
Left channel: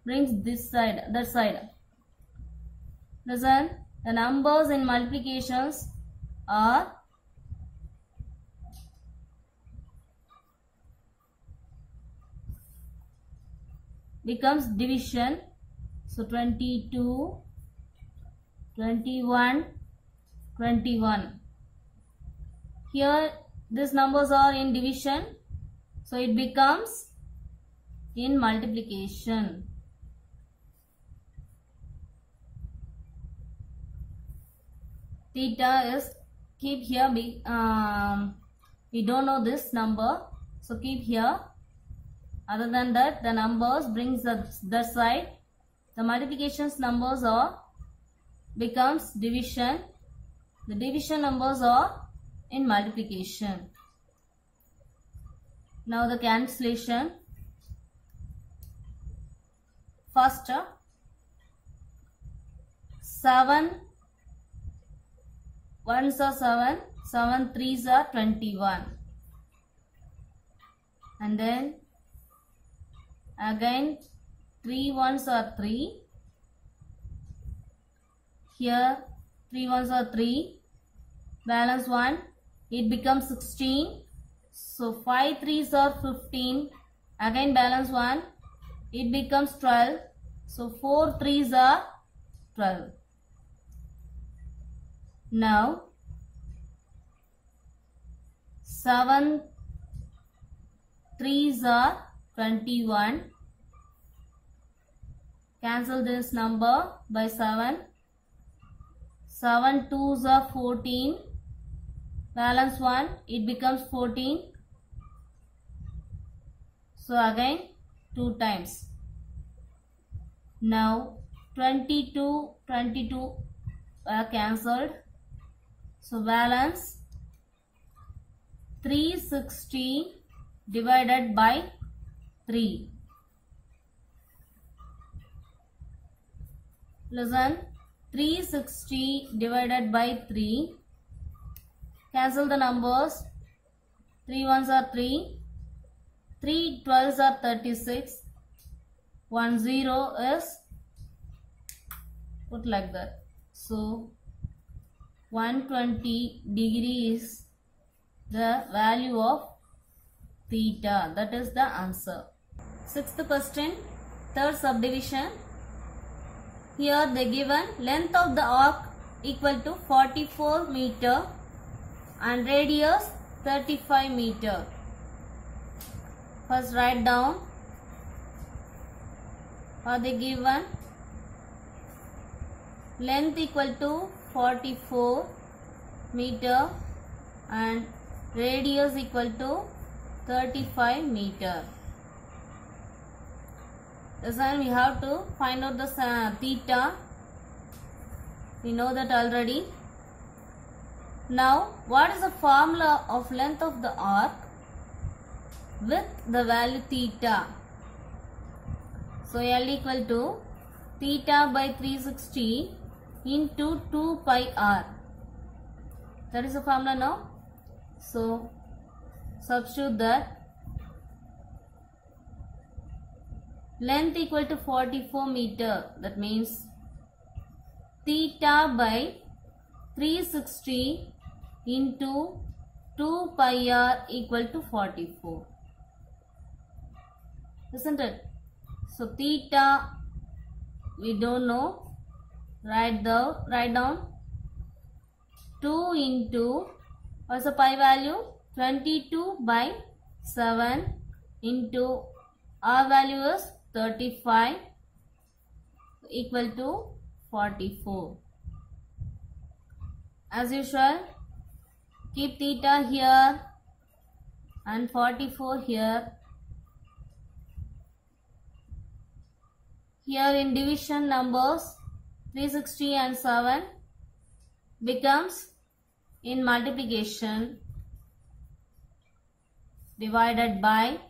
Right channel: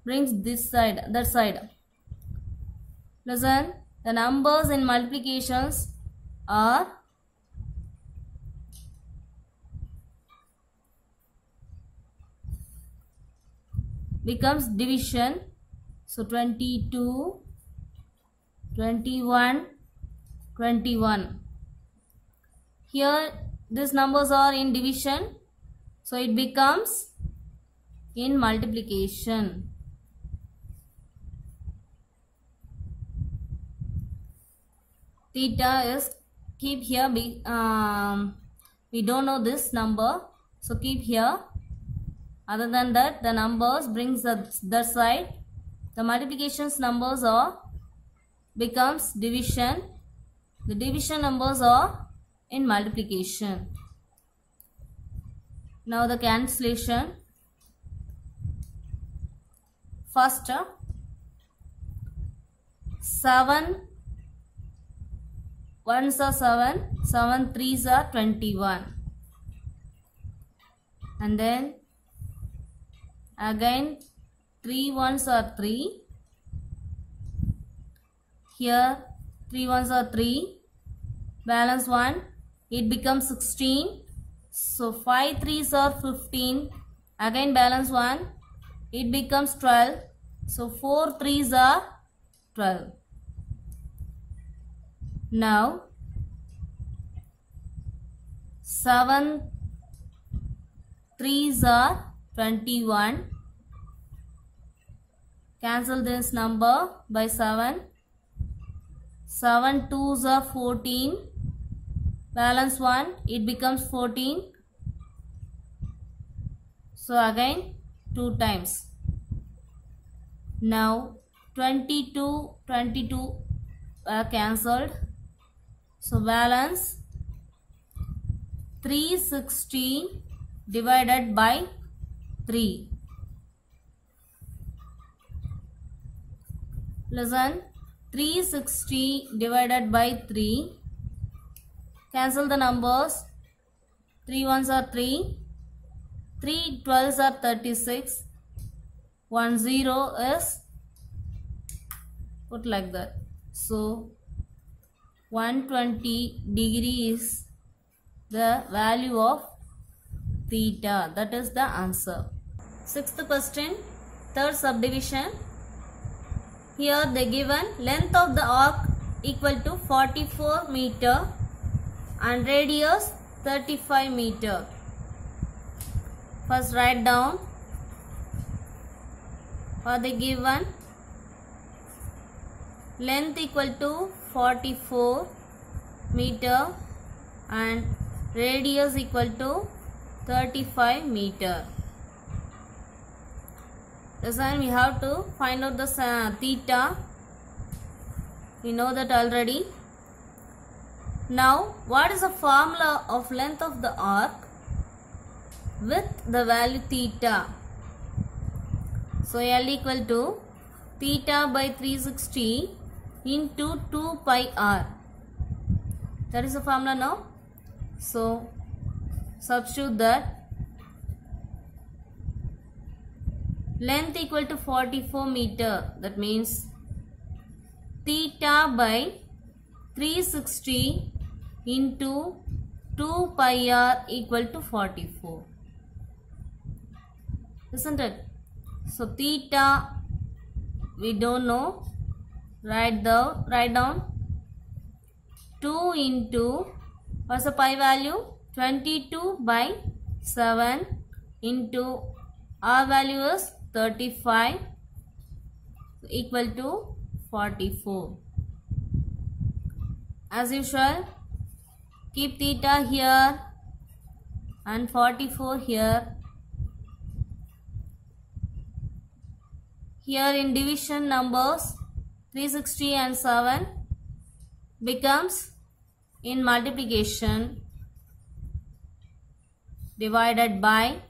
brings this side, that side. Listen, the numbers in multiplications are becomes division. So 22, 21, 21. Here these numbers are in division, so it becomes in multiplication. Theta is keep here. We don't know this number, so keep here, Other than that, the numbers brings that side. The multiplications numbers are becomes division. The division numbers are in multiplication. Now the cancellation. First, 7 ones are 7, 7 threes are 21. And then again 3 ones are 3. Here 3 ones are 3. Balance 1. It becomes 16. So 5 threes are 15. Again balance 1. It becomes 12. So 4 threes are 12. Now 7 threes are 21. Cancel this number by 7. 7 twos are 14. Balance 1. It becomes 14. So again 2 times. Now 22 are cancelled. So balance 360 divided by 3. Listen, 360 divided by 3. Cancel the numbers. 3 ones are 3. 3 12s are 36. 1 0 is put like that. So 120 degree is the value of theta. That is the answer. Sixth question, third subdivision. Here they given length of the arc equal to 44 meter and radius 35 meter. First write down what they given. Length equal to 44 meter and radius equal to 35 meter. This time we have to find out the theta. We know that already. Now what is the formula of length of the arc with the value theta? So L equal to theta by 360 into 2 pi r. That is the formula now. So substitute that. Length equal to 44 meter. That means theta by 360 into 2 pi r equal to 44. Isn't it? So theta we don't know. Write down 2 into what's the pi value? 22 by 7 into r value is 35 equal to 44. As usual, keep theta here and 44 here. Here in division numbers 360 and 7 becomes in multiplication divided by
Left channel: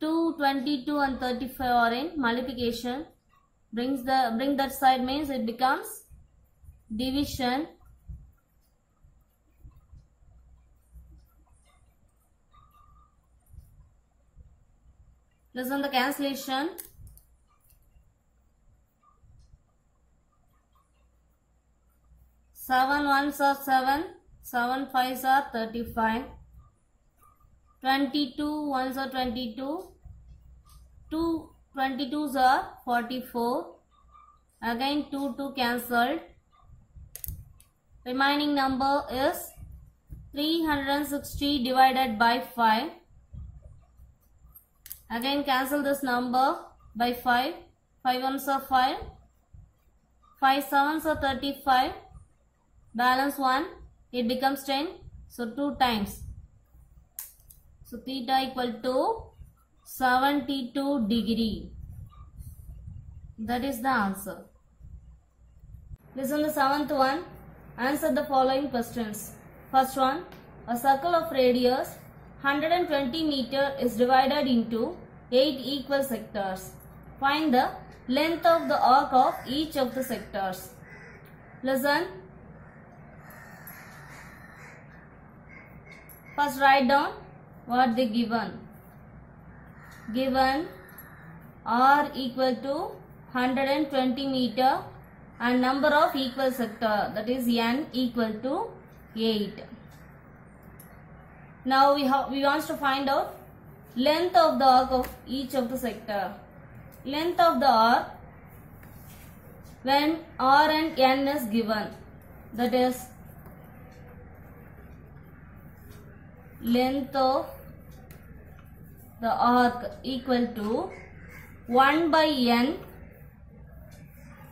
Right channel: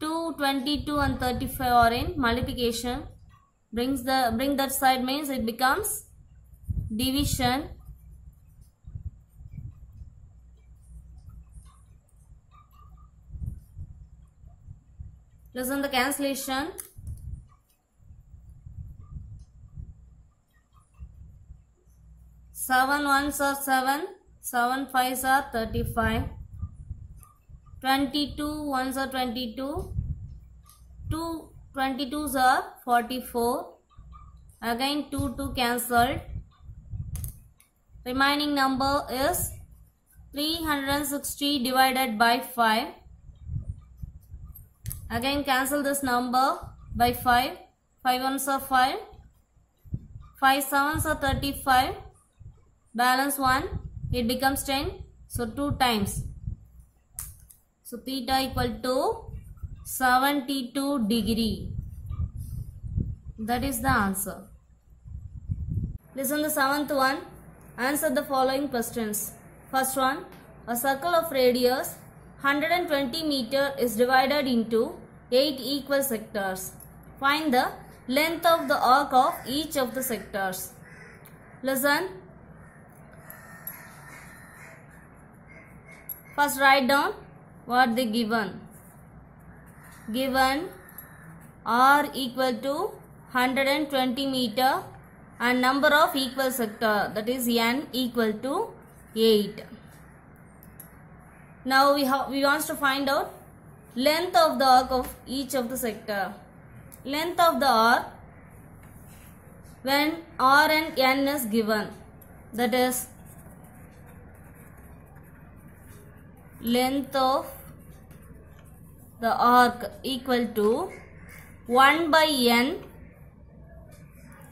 2, 22 and 35 are in multiplication. Bring that side means it becomes division. Listen the cancellation. 7 ones are 7, 7 fives are 35, 22 ones are 22, 2 22s are 44, again 2 cancelled. Remaining number is 360 divided by 5. Again cancel this number by 5. 5 ones are 5. 5 sevens are 35. Balance 1. It becomes 10. So 2 times. So theta equal to 72 degree. That is the answer. Listen the seventh one. Answer the following questions. First one. A circle of radius 120 meter is divided into 8 equal sectors. Find the length of the arc of each of the sectors. Listen. First write down what they given. Given R equal to 120 meter and number of equal sector, that is n equal to 8. Now we want to find out length of the arc of each of the sector. Length of the arc when R and n is given, that is length of the arc equal to 1 by n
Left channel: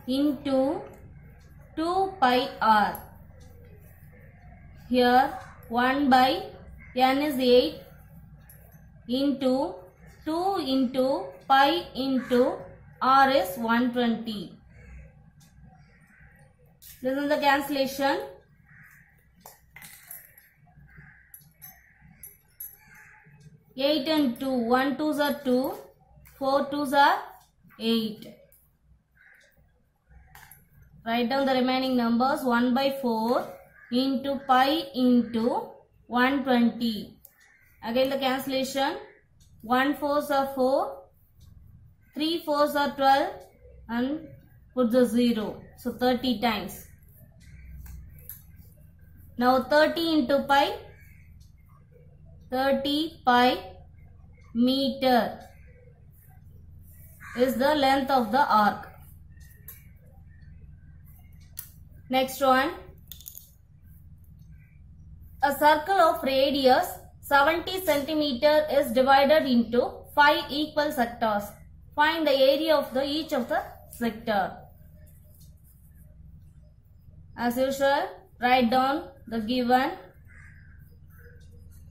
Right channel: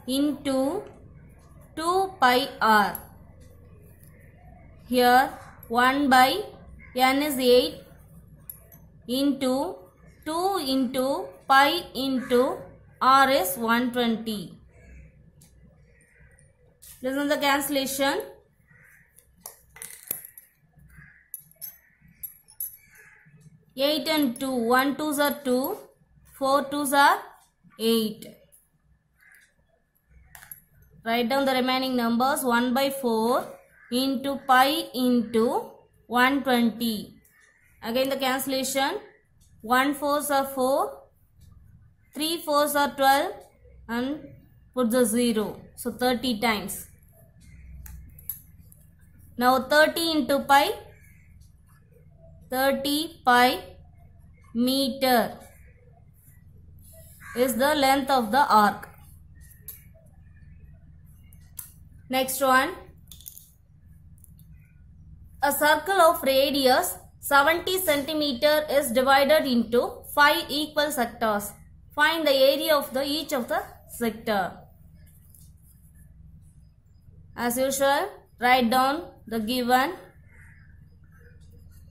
into 2 pi r. Here 1 by n is 8 into 2 into pi into r is 120. Listen the cancellation. 8 and 2, 1 2s are 2, 4 2s are 8. Write down the remaining numbers. 1 by 4 into pi into 120. Again the cancellation. 1 4s are 4, 3 4s are 12 and put the 0. So 30 times. Now 30 into pi. 30 pi meter is the length of the arc. Next one. A circle of radius 70 centimeter is divided into 5 equal sectors. Find the area of each of the sector. As usual, write down the given.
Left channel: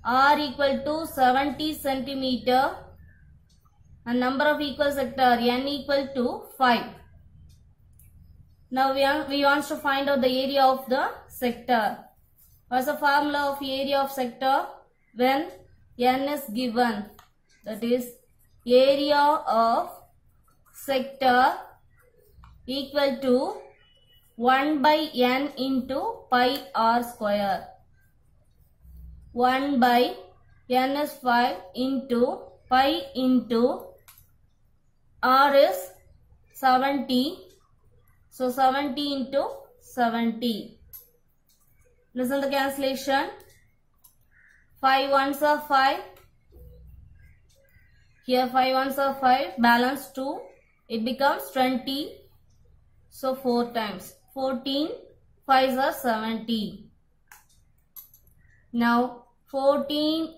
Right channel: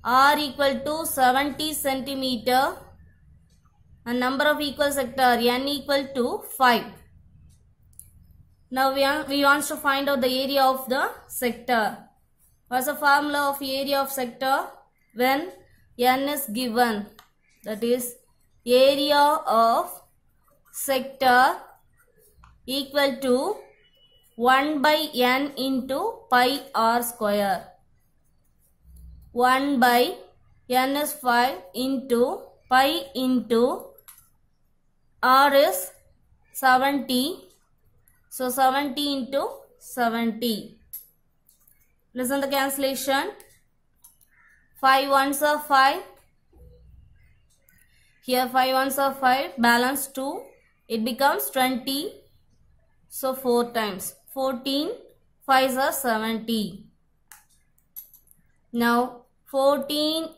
R equal to 70 centimeter and number of equal sector n equal to 5. Now we want to find out the area of the sector. What's the formula of area of sector? When n is given, that is area of sector equal to 1 by n into pi r square. 1 by n is 5 into pi into r is 70. So 70 into 70. Listen the cancellation. 5 ones are 5. Here 5 ones are 5. Balance 2. It becomes 20. So 4 times. 14. 5s are 70. Now 14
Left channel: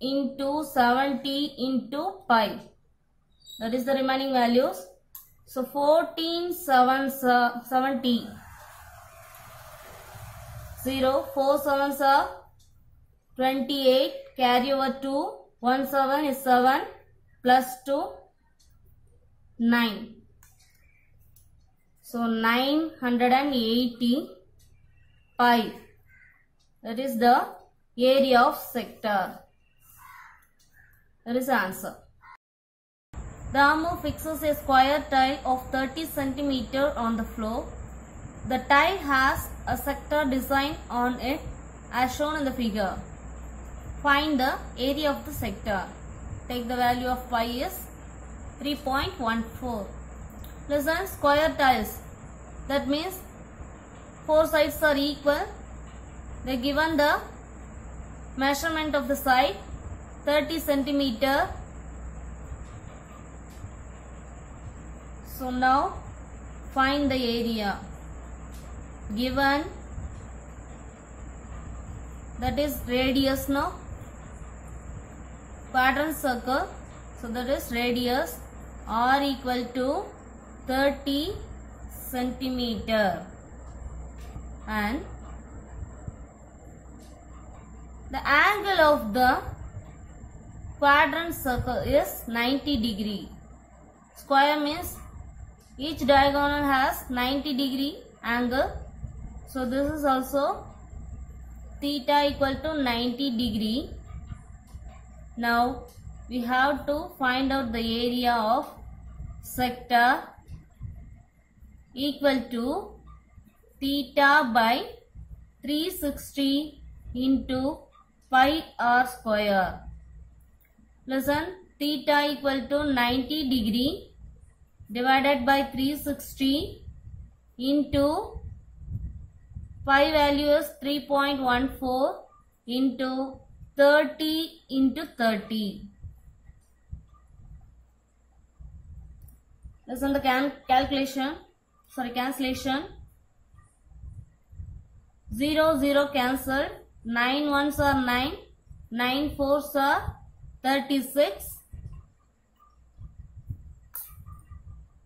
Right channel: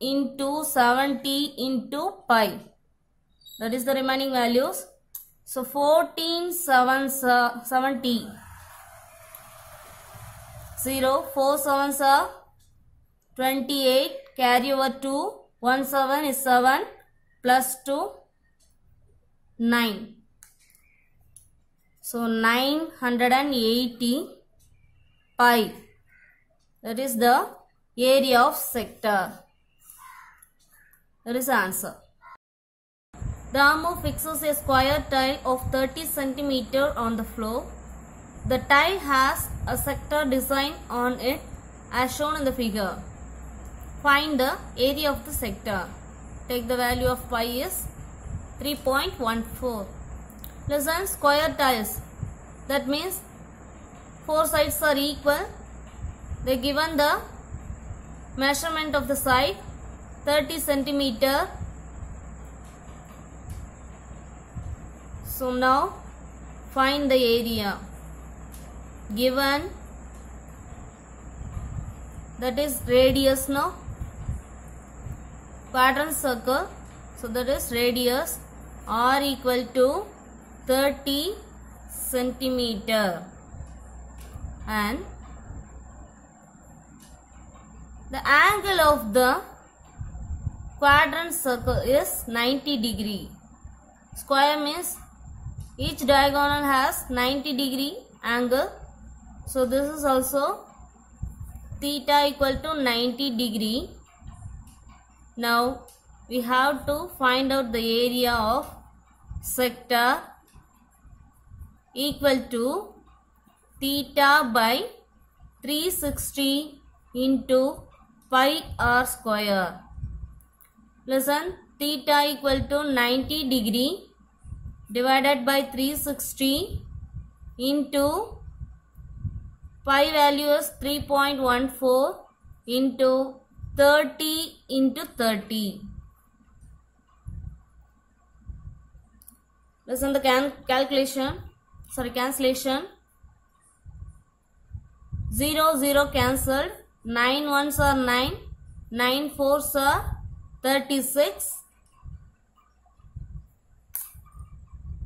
into 70 into pi. That is the remaining values. So 14 7s are 70. 0. 4 7s are 28. Carry over 2. 1 7 is 7. Plus 2. 9. So 980 pi. That is the area of sector. That is the answer. The armor fixes a square tile of 30 cm on the floor. The tile has a sector design on it as shown in the figure. Find the area of the sector. Take the value of pi is 3.14. Listen, square tiles. That means 4 sides are equal. They given the measurement of the side 30 cm. So now find the area. Given that is radius now. Quadrant circle. So that is radius r equal to 30 centimeter and the angle of the quadrant circle is 90 degree. Square means each diagonal has 90 degree angle. So this is also theta equal to 90 degree. Now we have to find out the area of sector equal to theta by 360 into pi r square. Listen, theta equal to 90 degree divided by 360 into pi value is 3.14 into 30 into 30. Listen the cancellation. 0 0 cancelled. 9 1s are 9. 9 4s are 36.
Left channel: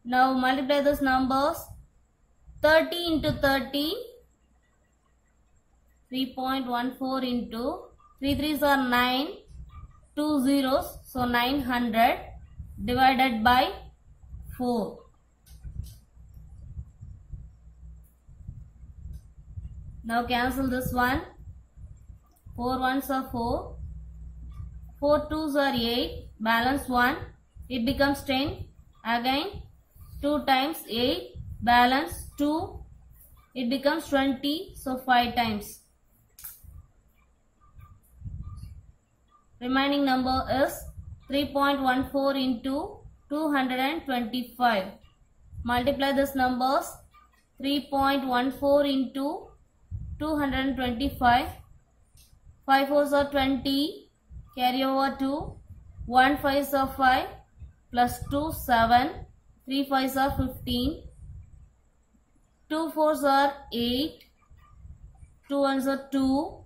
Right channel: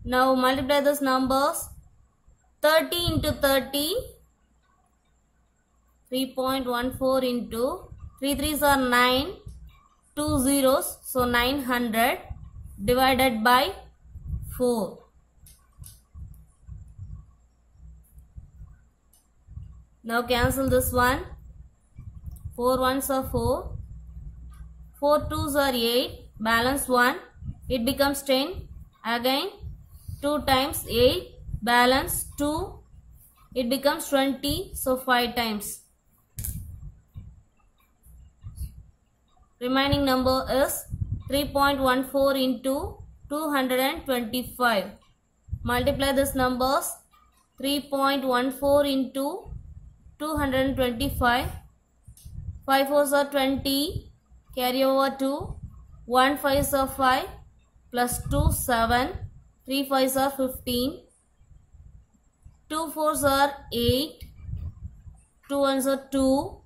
Now multiply these numbers. 30 into 30. 3.14 into 3 3s are 9. 2 zeros. So 900 divided by 4. Now cancel this one. 4 1s are 4. 4 2s are 8. Balance 1. It becomes 10. Again 2 times 8. Balance 2. It becomes 20. So 5 times. Remaining number is 3.14 into 225. Multiply these numbers. 3.14 into 225. 5 4s are 20. Carry over 2. 1 5s are 5. Plus 2 7. 3 5s are 15. 2 4s are 8. 2 1s are 2.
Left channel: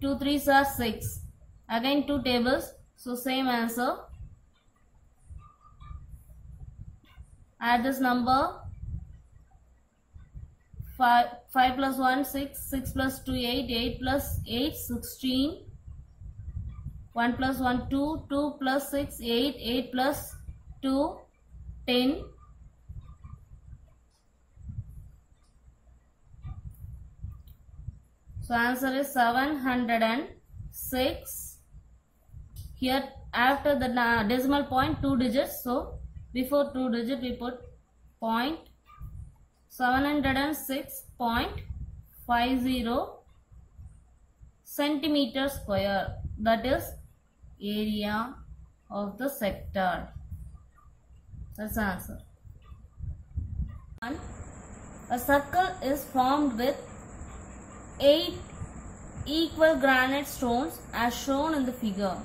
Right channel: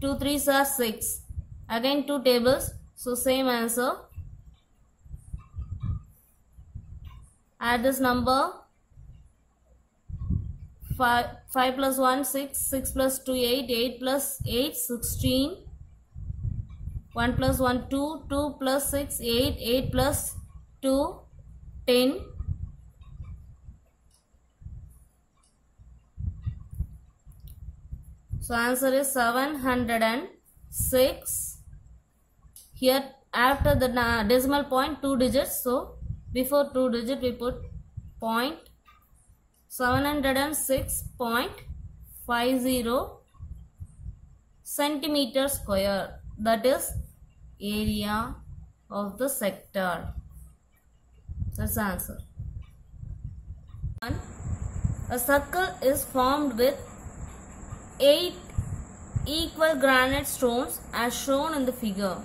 2 3s are 6. Again 2 tables. So same answer. Add this number. 5 plus 1 6. 6 plus 2 8. 8 plus 8 16. 1 plus 1 2. 2 plus 6 8. 8 plus 2 10. So answer is 706. Here after the decimal point 2 digits. So before 2 digit we put point. 706.50 centimeter square. That is area of the sector. That's the answer. A circle is formed with 8 equal granite stones as shown in the figure,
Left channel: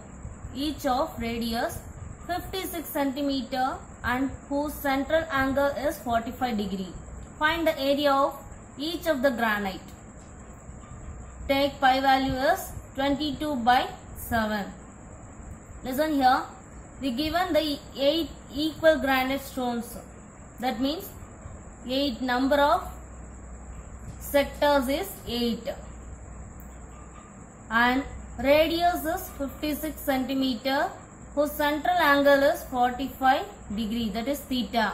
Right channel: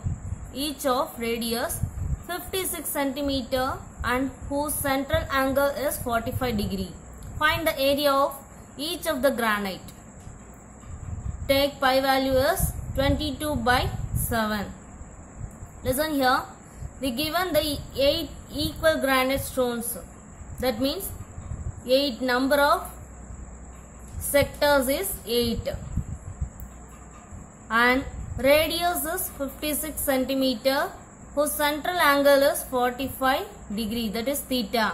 each of radius 56 centimeter and whose central angle is 45 degree. Find the area of each of the granite. Take pi value as 22 by 7. Listen here. We given the 8 equal granite stones. That means 8 number of sectors is 8. And radius is 56 centimeter whose central angle is 45 degree. That is theta.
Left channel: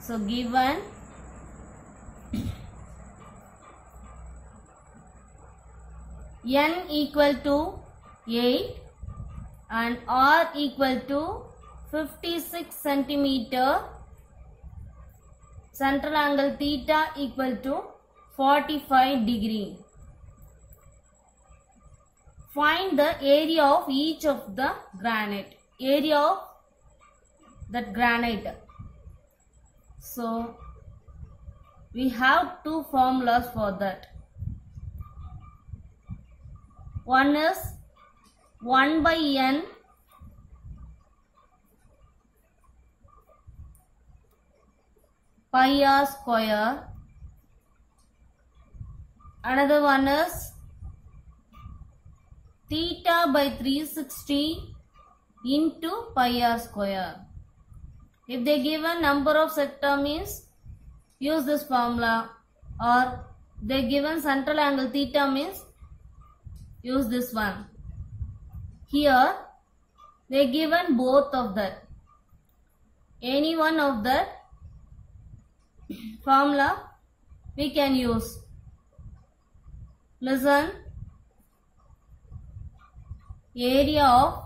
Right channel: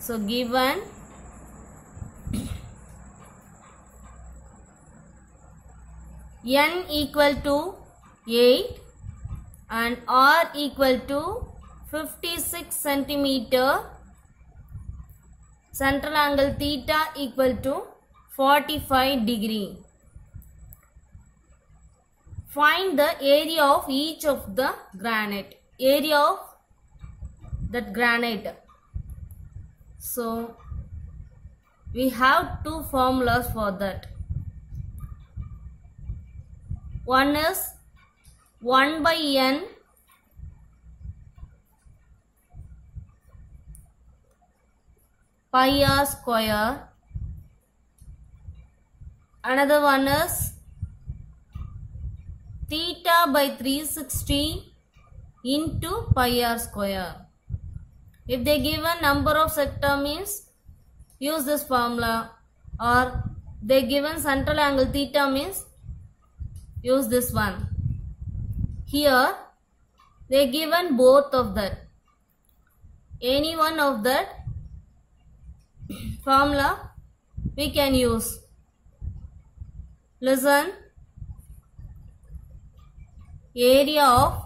So given n equal to 8 and r equal to 56 centimeter, central angle theta equal to 45 degree. Find the area of each of the granite. Area of that granite. So we have two formulas for that. One is 1 by n pi r square. Another one is theta by 360 into pi r square. If they give a number of sector means use this formula, or they given central angle theta means use this one. Here They given both of that. Any one of that formula we can use. Listen. Area of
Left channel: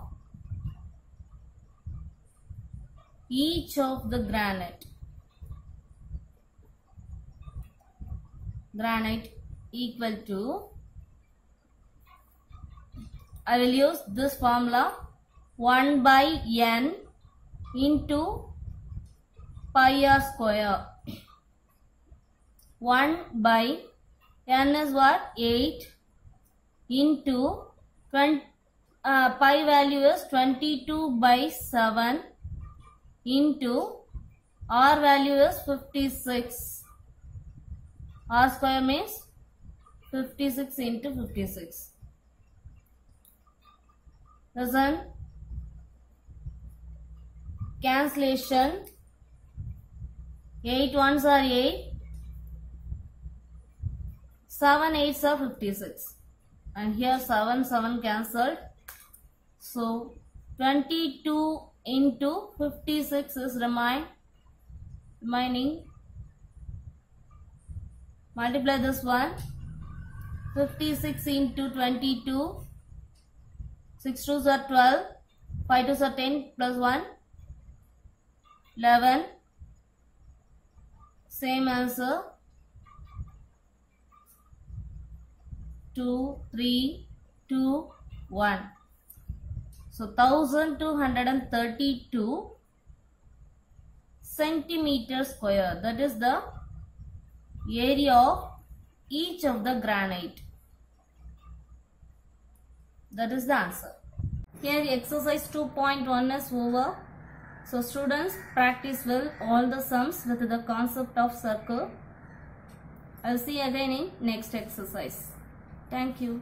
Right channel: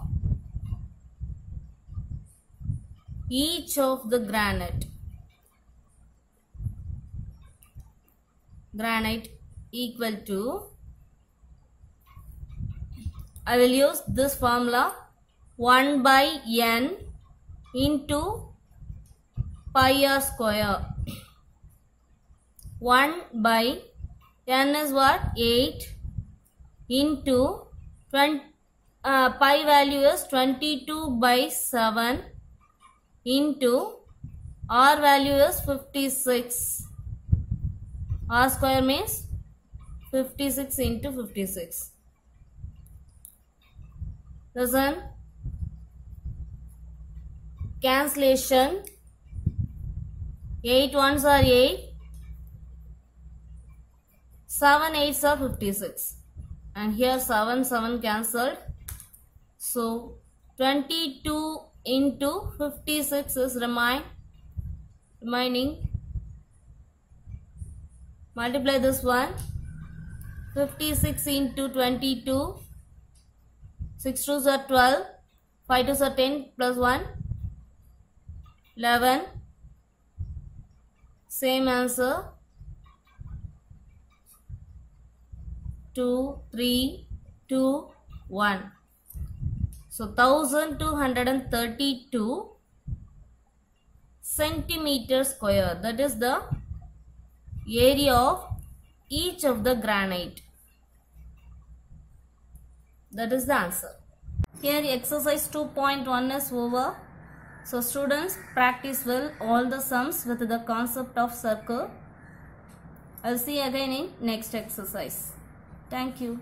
each of the granite equal to, I will use this formula, 1 by n into pi r square. 1 by n is what? 8 into 20, pi value is 22 by 7 into r value is 56. R square means 56 into 56. Listen. Cancellation. 8 ones are 8. 7 8s are 56. And here 7 cancelled. So 22 into 56 is remaining. Multiply this one. 56 into 22. 6 2s are 12. 5 2s are 10 plus 1. 11. Same answer. 2, 3, 2, 1. So 1232 centimeter square. That is the area of each of the granite. That is the answer. Here exercise 2.1 is over. So students, practice well all the sums with the concept of circle. I'll see you again in next exercise. Thank you.